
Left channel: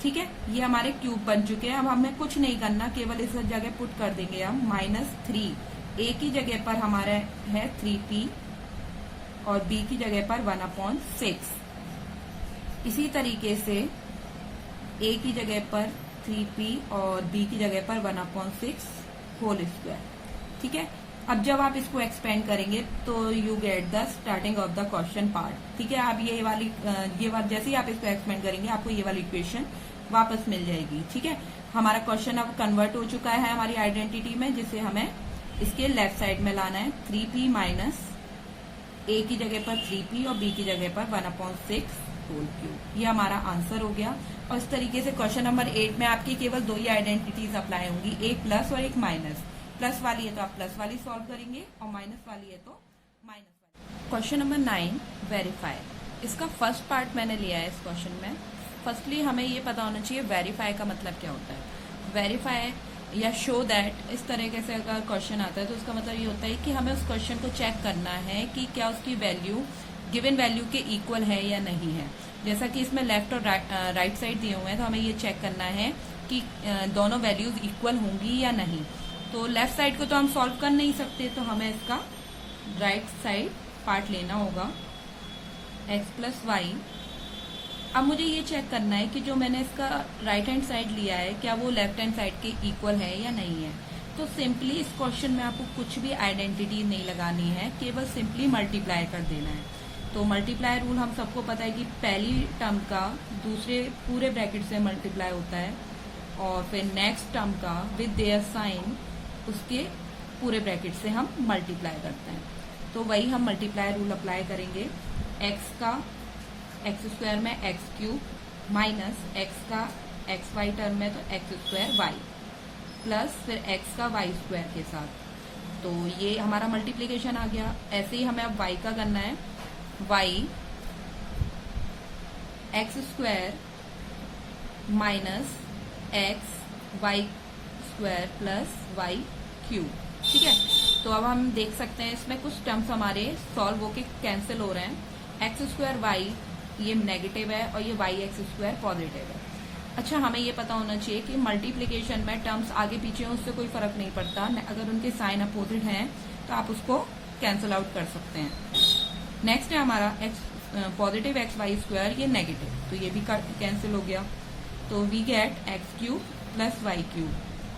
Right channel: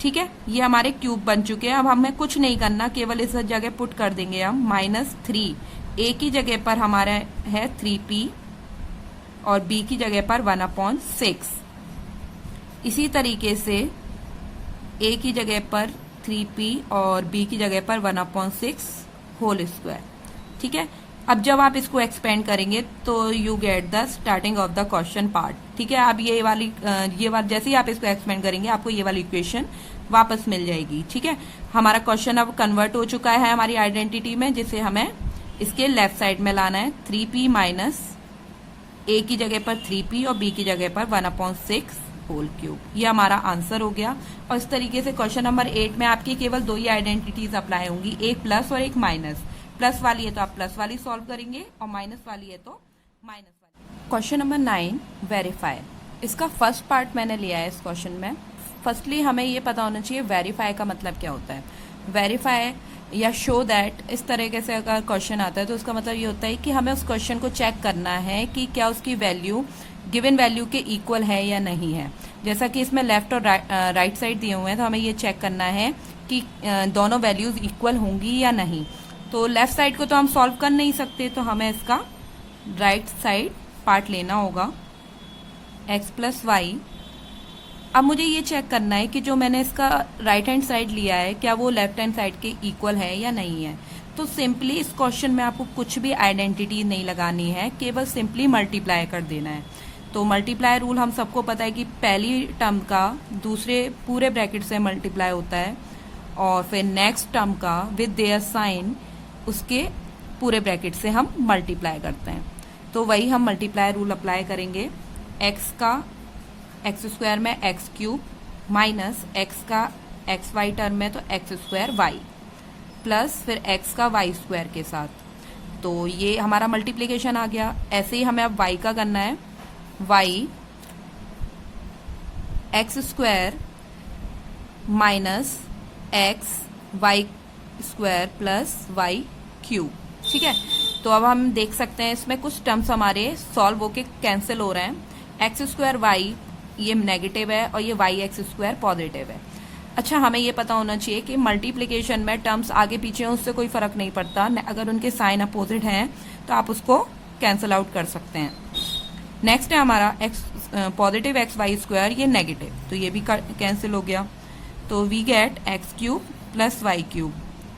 ठीक है, ये हमारे क्यूब बन चुके हैं। अब हमें कुछ नहीं करना, केवल इस जगह पुट कर देंगे हम -3। a की जगह पर हमारा है 3p और b की जगह पर 1/6। इसी तरीके से a की जगह पर 3p और b की जगह पर 1/6 होल स्क्वायर। ठीक है, अब जब आप इसको एक्सपेंड करेंगे तो you get the starting of the question part. ठीक है, अब ये वाली जैसे ही आप इसको एक्सपेंड करेंगे आपको ये वाली इक्वेशन वापस मिल जाएगी। ठीक है, हमारा क्वेश्चन अब कन्वर्ट हो चुका है हमारी आइडेंटिटी में, जिसे हमें इसके लेफ्ट साइड में लाना है। 3p माइनस a की जगह पर 3p और b की जगह पर 1/6 होल क्यूब, ये हमारा आंसर हो गया। और इस तरीके से क्वेश्चन नंबर 8 में आपकी केवल 2 ही आइडेंटिटीज अप्लाई होंगी, एक प्लस और एक माइनस। प्लस वाली है तो आप प्लस वाली सॉल्व करेंगे और माइनस वाली है तो माइनस वाली। Question number 9 verify. इसका फर्स्ट पार्ट मैंने लिया है इस क्वेश्चन में। फर्स्टली हमें ये पता होना चाहिए वेरीफाई का मतलब क्या होता है। वेरीफाई या शो दैट, इस तरीके से अगर क्वेश्चन आता है तो उसका मतलब ये होता है कि हमें उस क्वेश्चन को चेक करना है कि क्या उसकी वैल्यू गिवन वैल्यू के इक्वल है या नहीं है। जैसा कि इसमें लेफ्ट और राइट साइड दिए हुए हैं, तो हमें ये चेक करना है कि दोनों वैल्यूज इक्वल होंगी या नहीं। तो लेफ्ट साइड को तो हम सॉल्व कर नहीं सकते, तो हमें इसका राइट साइड पार्ट लेना होगा, x प्लस वाई। अब मुझे ये चेक करना है कि जो मैंने इसका राइट हैंड साइड लिया है क्या वो लेफ्ट हैंड साइड के इक्वल है या नहीं है। तो सिंपली इस क्वेश्चन में आपको कुछ भी आइडेंटिटी नहीं लगानी है, केवल सिंपली मल्टीप्लाई कर देना है। तो मल्टीप्लाई रूल हम सबको पता है कि पहली टर्म का दूसरे पूरे ब्रैकेट से मल्टीप्लाई होता है, और फिर नेक्स्ट टर्म का विद देयर साइन उसके पूरे ब्रैकेट से हम मल्टीप्लाई करते हैं। तो वही हम मल्टीप्लाई रूल अप्लाई करेंगे। x का एक्स स्क्वायर में एक्स क्यूब माइनस x का एक्स वाई टर्म में तो एक्स स्क्वायर वाई प्लस फिर x का वाई स्क्वायर के साथ, तो ये हमारा मल्टीप्लीकेशन आ गया। ऐसे ही हमें अब y का करना है, y x square minus x y square plus y cube. ठीक है, तो अब हम देख सकते हैं इसमें कुछ टर्म्स हमारे सॉल्व होके कैंसिल हो रहे हैं। एक्स स्क्वायर वाई ये नेगेटिव है और ये वाई एक्स स्क्वायर पॉजिटिव है। अच्छा, हमें ये पता होना चाहिए कि मल्टीप्लिकेशन में टर्म्स आगे पीछे हैं उससे कोई फर्क नहीं पड़ता, अगर उनके साइन अपोजिट हैं तो आप उसको कैंसिल आउट कर सकते हैं। नेक्स्ट है हमारा x positive x y square, ये नेगेटिव, तो ये भी कैंसिल हो गया। तो we get x cube plus y cube,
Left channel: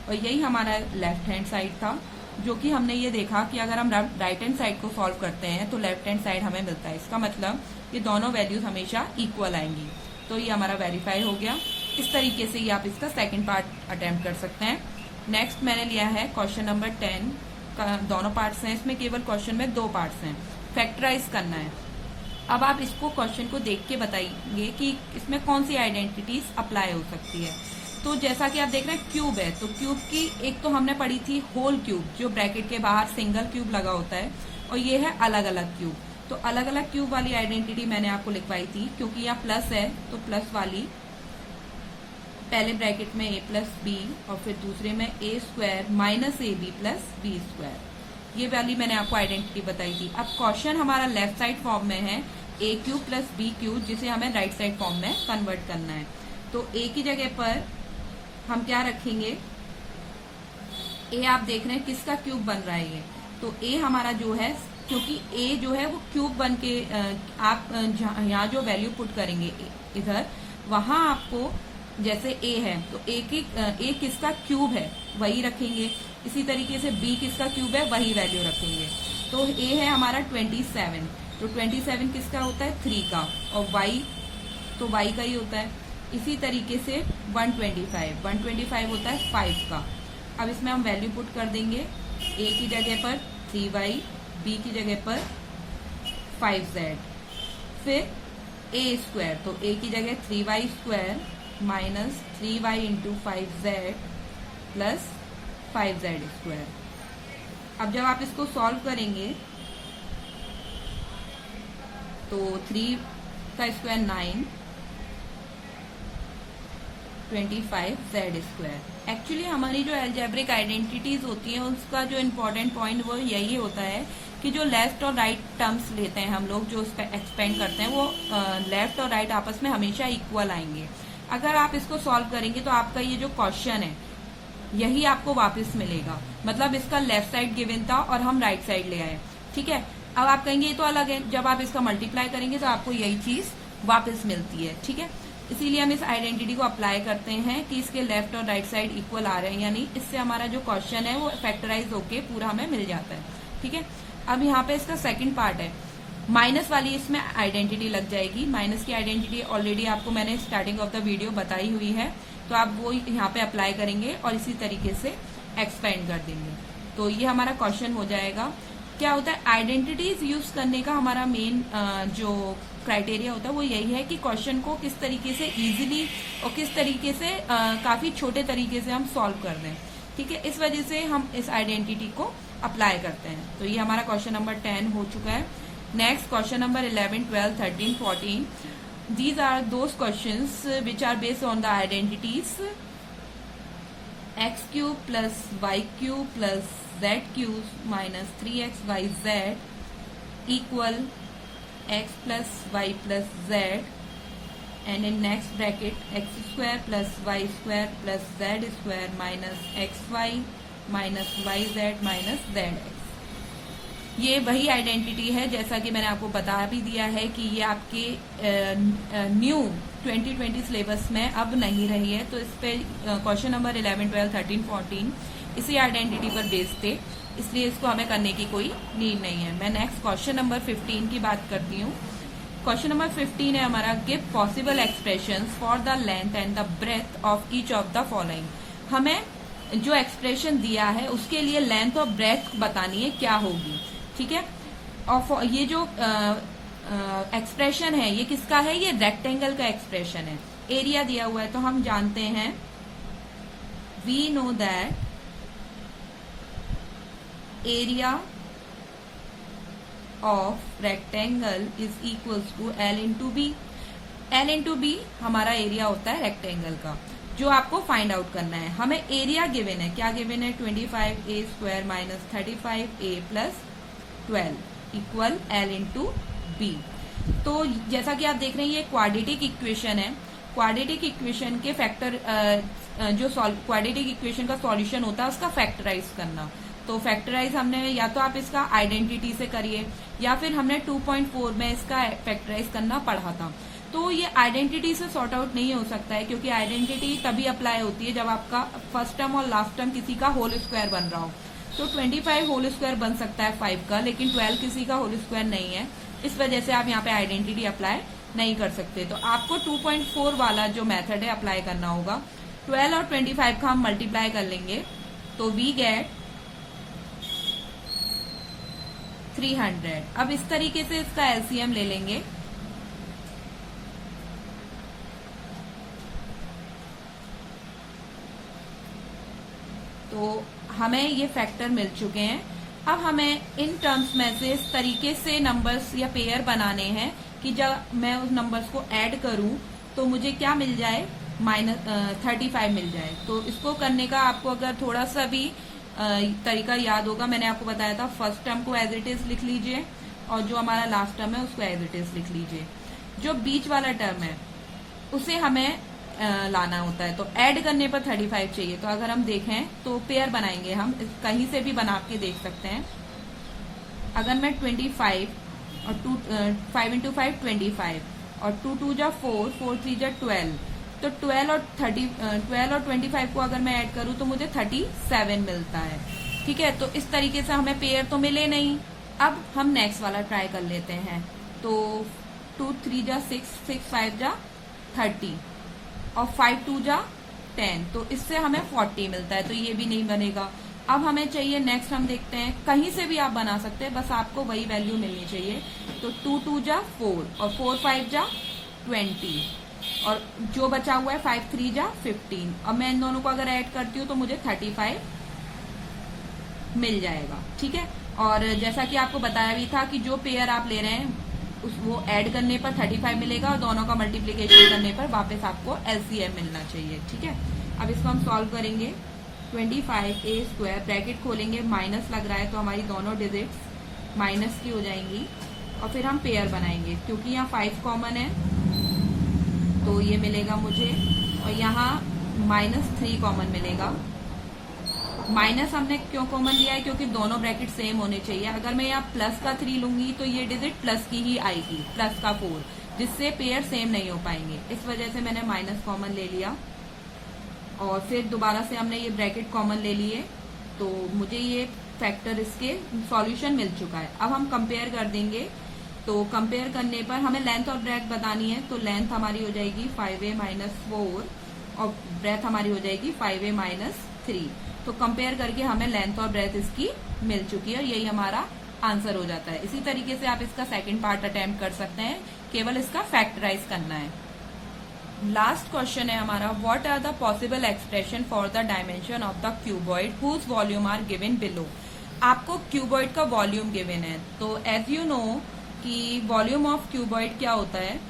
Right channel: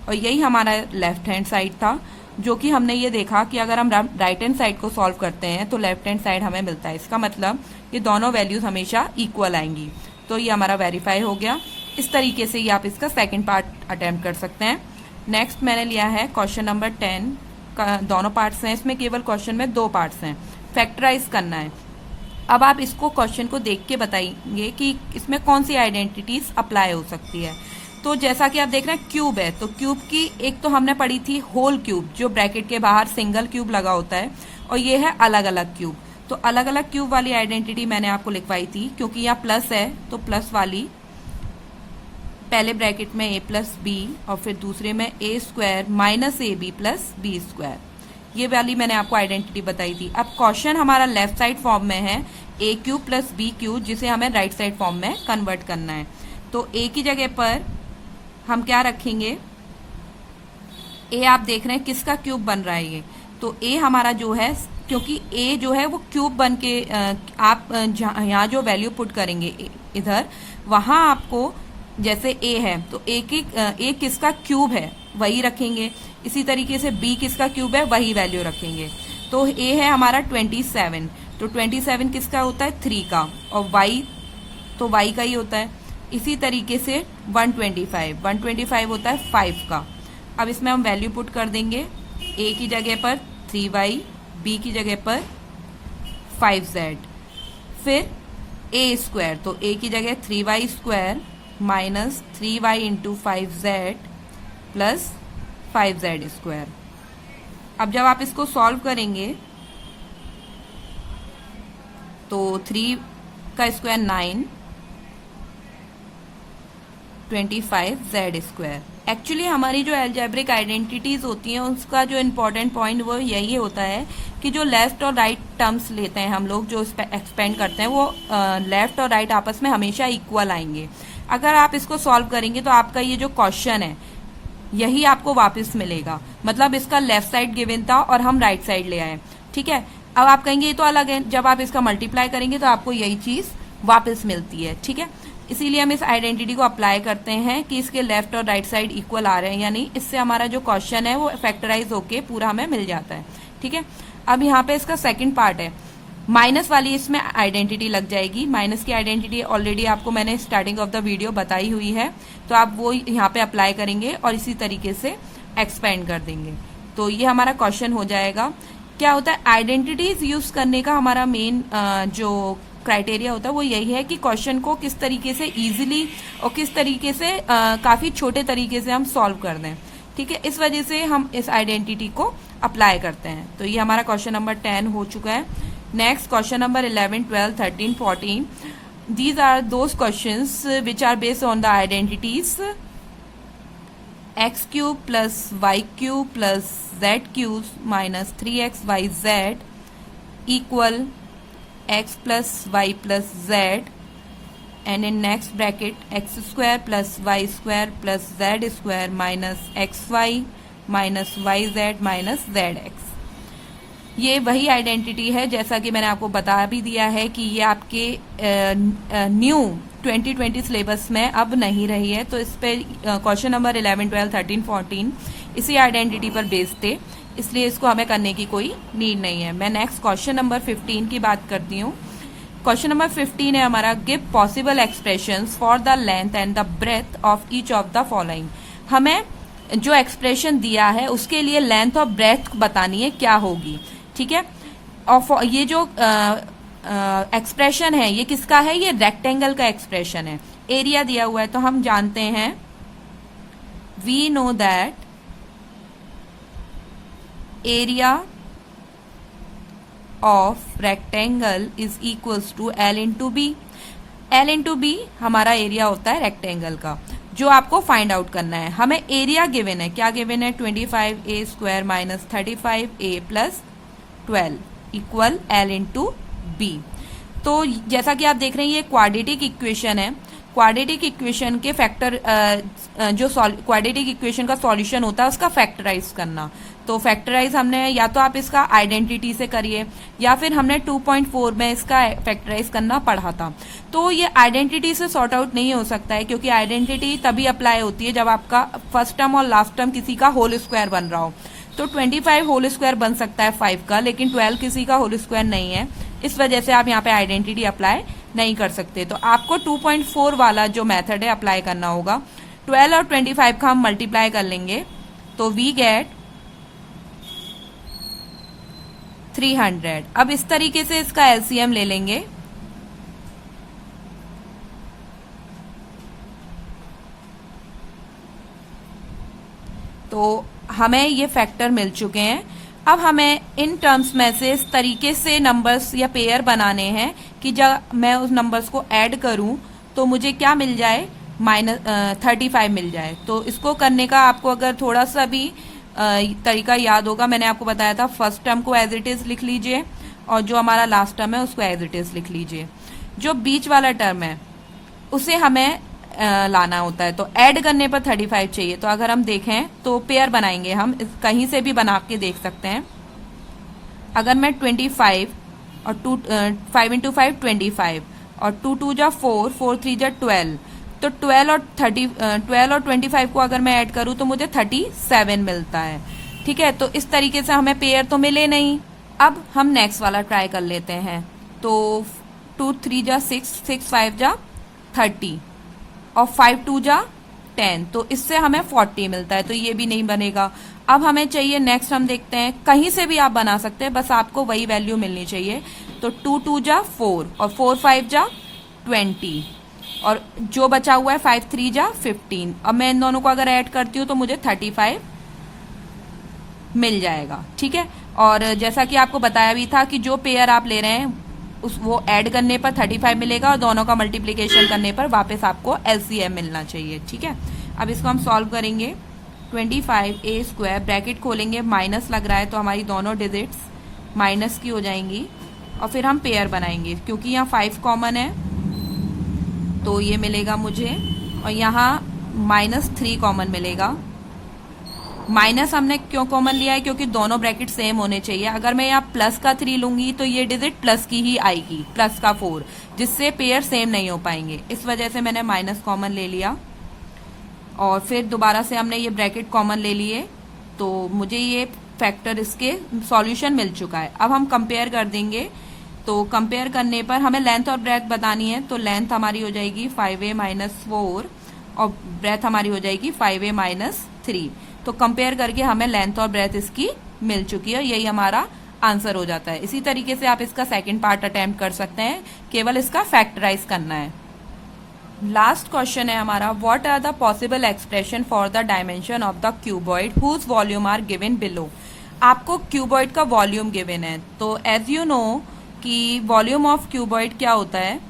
और यही हमारा लेफ्ट हैंड साइड था, जो कि हमने ये देखा कि अगर हम राइट हैंड साइड को सॉल्व करते हैं तो लेफ्ट हैंड साइड हमें मिलता है। इसका मतलब ये दोनों वैल्यूज हमेशा इक्वल आएंगी, तो ये हमारा वेरीफाई हो गया। इस तरीके से ही आप इसका सेकंड पार्ट अटेम्प्ट कर सकते हैं। नेक्स्ट मैंने लिया है क्वेश्चन नंबर 10 का, दोनों पार्ट्स हैं इसमें, केवल क्वेश्चन में 2 पार्ट्स हैं, फैक्टराइज करना है। अब आप इसको क्वेश्चन को देख के बताइए कि इसमें कौन सी आइडेंटिटीज अप्लाई हो सकती है। तो जैसा कि आप देख रहे हैं क्यूब है, तो क्यूब की एक तो हमने पढ़ी थी होल क्यूब, जो ब्रैकेट के बाहर सिंगल क्यूब लगा होता है, और ये है अलग अलग क्यूब। तो अलग अलग क्यूब वाली आइडेंटिटी मैंने आपको लिखवाई थी, क्योंकि यहाँ प्लस है तो प्लस वाली पहले ब्रैकेट में a प्लस बी और फिर दूसरे में a square minus a b plus b square, ये वाली मैंने आपको आइडेंटिटी बताई थी। अब क्वेश्चन हमारा लेफ्ट साइड फॉर्म में है a cube plus b cube, जिसे हमें राइट साइड फॉर्म में कन्वर्ट करना है। तो a की जगह पर हम क्या रखेंगे, a आप देख रहे हैं किसका क्यूब बन रहा है ये, तो a हमारा जो है क्योंकि a जो है वो क्यूब बन के आप यहाँ जो वैल्यू पुट करेंगे इधर, वहां आपको जैसे a है तो a किसका क्यूब है वही रखेंगे, इसी तरीके से b किसका क्यूब है वही वैल्यू रखेंगे। तो a है हमारा 27, तो 27 किसका होता है 3 का, और y तो y का ही होता है। इसी तरीके से 125 होता है 5 का। अब इसमें हम वैल्यू पुट कर देंगे, a की जगह पर 3y, b की जगह पर 5z, फिर a स्क्वायर, तो a की जगह 3y square minus 3y into 5z plus 5z square. अब जब आप इसको सॉल्व करेंगे तो 3 का स्क्वायर 9, 25z स्क्वायर। एक्चुअली हमारी जो एल्जेब्रिक आइडेंटिटीज होती हैं उसका जो इम्पोर्टेंट पॉइंट वो यही होता है कि जो लेफ्ट और राइट टर्म्स लेते हैं हम लोग, जो एक्सपेंड करते हैं, वो लेफ्ट और राइट आपस में हमेशा इक्वल आएंगे। अगर आप इसको सॉल्व करेंगे तो आपका ये जो क्वेश्चन है यही आपको वापस मिलेगा, मतलब इसका लेफ्ट साइड गिवन था और हम राइट साइड ले आए, ठीक है। अब आप कहेंगे ये तो अलग है, जब आप इसका मल्टीप्लाई करेंगे तो आपको यही चीज वापस मिलती है, ठीक है। इसीलिए हम इस आइडेंटिटी को अप्लाई करते हैं कि इसके लेफ्ट और राइट साइड इक्वल आ रहे हैं, यानी इससे हमारा जो क्वेश्चन है वो फैक्टराइज होके पूरा हमें मिल जाता है, ठीक है। अब यहाँ पे इसका सेकंड पार्ट है, माइनस वाली इसमें आइडेंटिटी लग जाएगी। माइनस की आइडेंटिटी ऑलरेडी आपको मैंने स्टार्टिंग ऑफ द वीडियो बताई हुई है, तो आप वो यहाँ पे अप्लाई करेंगे और इसी तरीके से एक्सपेंड कर देंगे। तो ये हमारा क्वेश्चन हो जाएगा। क्या होता है, आइडेंटिटीज यूज करने का हमारा मेन जो क्राइटेरिया होता है वो यही है कि क्वेश्चन को किस तरीके से इजीली और किस तरीके से काफी छोटे तरीके से हम सॉल्व कर दें, ठीक है। इस वजह से हम इस आइडेंटिटी को अप्लाई करते हैं। तो ये हमारा क्वेश्चन नंबर 10 हो चुका है। Next question number 11, 12, 13, 14, these are those questions which are based on the identities x cube plus y cube plus z cube minus 3xyz equal x plus y plus z, and in next bracket x square plus y square plus z square minus xy minus yz minus zx। ये वही identity है जैसा कि मैंने आपको बता भी दिया है कि ये आपके न्यू 2020 सिलेबस में अब नहीं रही है। तो इस पे क्वेश्चन नंबर 11, 12, 13, 14 इसी आइडेंटिटी पर बेस्ड थे, इसलिए इसको हमें करने की कोई नीड नहीं है। मैं नेक्स्ट क्वेश्चन नंबर 15 की बात करती हूँ। क्वेश्चन नंबर 15 है हमारा, give possible expressions for the length and the breath of each of the following. हमें जो एक्सप्रेशन दिया है उसके लिए लेंथ और ब्रेथ बतानी है क्या होगी, ठीक है। और ये जो एक्सप्रेशन है ये किसका है, ये रेक्टेंगल का एक्सप्रेशन है। एरिया दिया हुआ है तो हम जानते हैं, we know that area of rectangle is equals to L into b. L into b हमारा एरिया होता है रेक्टेंगल का, जो आपको फाइंड आउट करना है। हमें एरिया गिवन है, क्या गिवन है, 25a square minus 35a plus 12 equal L into b. तो जैसा कि आप देख रहे हैं ये क्वाड्रेटिक इक्वेशन है। क्वाड्रेटिक इक्वेशन के फैक्टर जो क्वाड्रेटिक इक्वेशन का सॉल्यूशन होता है उसका फैक्टराइज करना। तो फैक्टराइज हमने या तो आप इसका आइडेंटिटी से करिए या फिर हमने 2.4 में इसका फैक्टराइज करना पढ़ा था। तो ये आइडेंटिटी से सॉर्ट आउट नहीं हो सकता है, क्योंकि आइडेंटिटी तभी अप्लाई होती है जब आपका फर्स्ट टर्म और लास्ट टर्म किसी का होल स्क्वायर बन रहा हो। तो 25 होल स्क्वायर बन सकता है 5 का, लेकिन 12 किसी का होल स्क्वायर नहीं है, इस वजह से आप यहाँ पे आइडेंटिटी अप्लाई नहीं कर सकते। तो आपको 2.4 वाला जो मेथड है अप्लाई करना होगा। 12 और 25 का हम मल्टीप्लाई कर लेंगे तो वी गेट 300। अब इस तरीके से इसका एलसीएम ले लेंगे तो हमें ये फैक्टर मिल चुके हैं। अब हमें इन टर्म्स में से इस तरीके से नंबर्स या पेयर बनाने हैं कि जब मैं उस नंबर्स को ऐड करूं तो मुझे क्या मिल जाए, -35 मिल जाए। तो इसको करने का आपको अगर थोड़ा सा भी तरीका याद होगा, मैंने आपको बताया था फर्स्ट टर्म को एज इट इज लिख लीजिए और जो हमारा लास्ट टर्म है उसको एज इट इज लिख लीजिए। जो बीच वाला टर्म है उसे हमें लाना होता है, तो ऐड करने पर 35 चाहिए। तो अगर हम देखें तो पेयर बनाएंगे, हम कहीं से भी बना के देख सकते हैं। अगर मैं 25 और 5 इंटू 5 25 और 2 2 जा 4 4 3 जा 12, तो 12 और 25 को अगर मैं ऐड करूँ तो मुझे 37 मिलता है। ठीक है, तो इस तरीके से हमें पेयर तो मिले नहीं। अब हम नेक्स्ट वाला ट्राई कर लेते हैं। तो 2 3 जा 6 6 5 जा 30 और 5 2 जा 10, तो इससे हमें 40 मिलता है, तो ये भी नहीं बनेगा। अब हमें चाहिए नेक्स्ट, हम देखते हैं, कहीं से भी आप बना सकते हैं, बस आपको वही वैल्यू मिलनी चाहिए। तो 2 2 जा 4 और 4 5 जा 20 और जो बचा हुआ है 5 3 जा 15। अब मैं इन दोनों को अगर ऐड करती हूँ तो मुझे 35 मिल जाएगा। ठीक है, और जैसा कि आपको बताया भी था कि जो पेयर आप ले रहे हैं वो ऐड करने पर 35 मिलेगा और दोनों का मल्टीप्लिकेशन करने पर वापस आपको एलसीएम मिलना चाहिए। ठीक है, अब इसको हम सॉल्व करेंगे। 25a² ब्रैकेट खोलेंगे, माइनस लग रहा है तो हमारी दोनों डिजिट्स माइनस की हो जाएंगी और फिर हम पेयर बनाएंगे। क्योंकि यहाँ 5 कॉमन है तो ये मिलेगा मुझे, और यहाँ -3 कॉमन मिलेगा। माइनस हमने क्यों कॉमन लिया है? क्योंकि दोनों ब्रैकेट सेम होने चाहिए। अगर मैं यहाँ प्लस का 3 लूंगी तो ये डिजिट प्लस की ही आएगी, प्लस का 4, जिससे पेयर सेम नहीं हो पाएंगे। इस वजह से मैंने माइनस कॉमन ले लिया और फिर दोबारा से हमने ये ब्रैकेट कॉमन ले लिए, तो मुझे ये फैक्टर, इसके सॉल्यूशन मिल चुका है। अब हम कंपेयर कर देंगे। तो कंपेयर करने पर हमें लेंथ और ब्रेथ बतानी है, तो लेंथ हमारी हो जाएगी 5a - 4 और ब्रेथ हमारी हो जाएगी 5a - 3। तो कंपेयर करके हमें लेंथ और ब्रेथ इसकी मिल चुकी है, यही हमारा आंसर हो जाता है। इसी तरीके से आप इसका सेकंड पार्ट अटेम्प्ट कर सकते हैं, केवल इसका फैक्टराइज करना है। लास्ट क्वेश्चन है हमारा, what are the possible expression for the dimension of the cuboid whose volume are given below. आपको क्यूबॉइड का वॉल्यूम गिवन है, तो एज यू नो कि वॉल्यूम ऑफ क्यूबॉइड क्या होता है,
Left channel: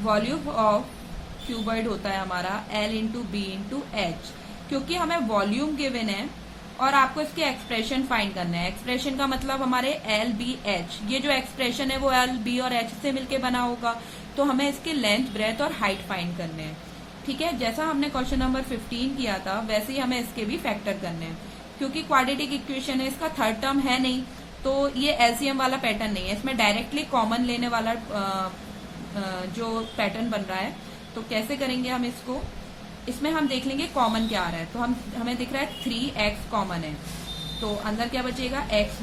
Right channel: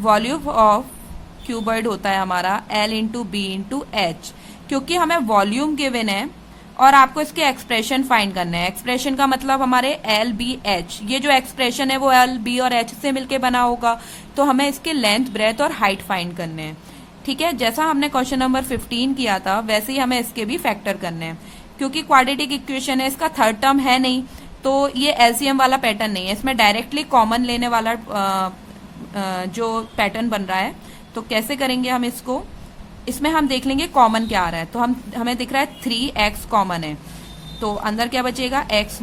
वॉल्यूम ऑफ क्यूबॉइड होता है हमारा L × B × H। क्योंकि हमें वॉल्यूम गिवन है और आपको इसके एक्सप्रेशन फाइंड करना है। एक्सप्रेशन का मतलब हमारे L B H, ये जो एक्सप्रेशन है वो L B और H से मिलके बना होगा, तो हमें इसके लेंथ, ब्रेथ और हाइट फाइंड करने हैं। ठीक है, जैसा हमने क्वेश्चन नंबर 15 किया था वैसे ही हमें इसके भी फैक्टर करने हैं। क्योंकि क्वाड्रेटिक इक्वेशन है, इसका थर्ड टर्म है नहीं, तो ये एलसीएम वाला पैटर्न नहीं है, इसमें डायरेक्टली कॉमन लेने वाला जो पैटर्न बन रहा है। तो कैसे करेंगे हम इसको? इसमें हम देख लेंगे कॉमन क्या आ रहा है। तो हमें दिख रहा है 3x कॉमन है, तो अंदर क्या बचेगा? x -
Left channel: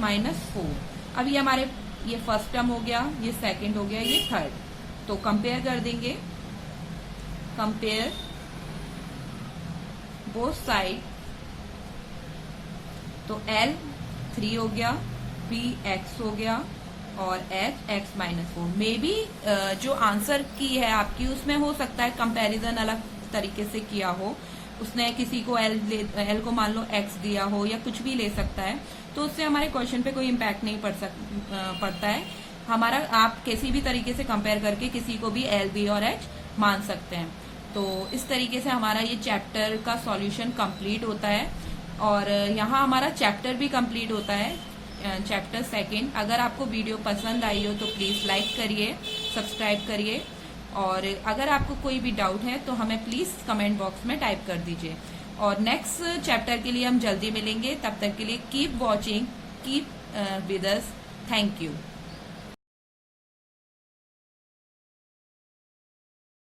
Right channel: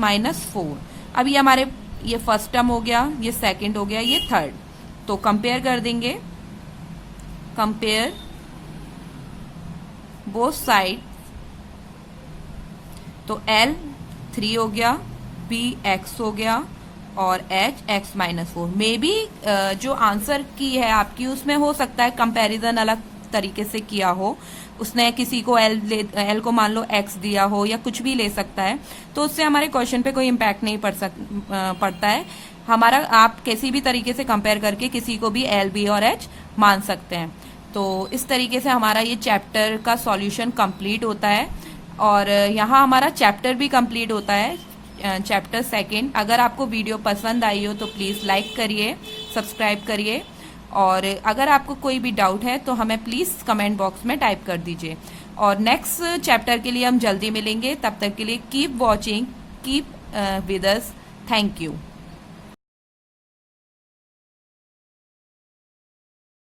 4। अब ये हमारे, ये फर्स्ट टर्म हो गया, ये सेकंड हो गया, ये थर्ड। तो कंपेयर कर देंगे, कंपेयर बोथ साइड। तो L 3 हो गया, B x हो गया और H x - 4। मे बी जो आंसर की है आपकी उसमें हो सकता है कंपैरिजन अलग तरीके से किया हो, उसने किसी को L को मान लो x दिया हो या कुछ भी ले सकता है, तो उससे हमारे क्वेश्चन पे कोई इम्पैक्ट नहीं पड़ता है हमारा। आप किसी भी तरीके से कंपेयर करके किसी को भी L B और H मान सकते हैं। तो इस तरीके से हमारा ये चैप्टर का सॉल्यूशन कंप्लीट होता है और यहाँ हमारा चैप्टर भी कंप्लीट होता है, चैप्टर सेकंड। अगर आपको वीडियो पसंद आई हो तो प्लीज़ लाइक करिए, सब्सक्राइब करिए, और अगर आपको कोई भी डाउट है तो हमें प्लीज़ कमेंट बॉक्स में टाइप कर दीजिए। और नेक्स्ट चैप्टर के लिए हम जल्दी मिलेंगे, तब तक के लिए keep watching, keep with us. Thank you.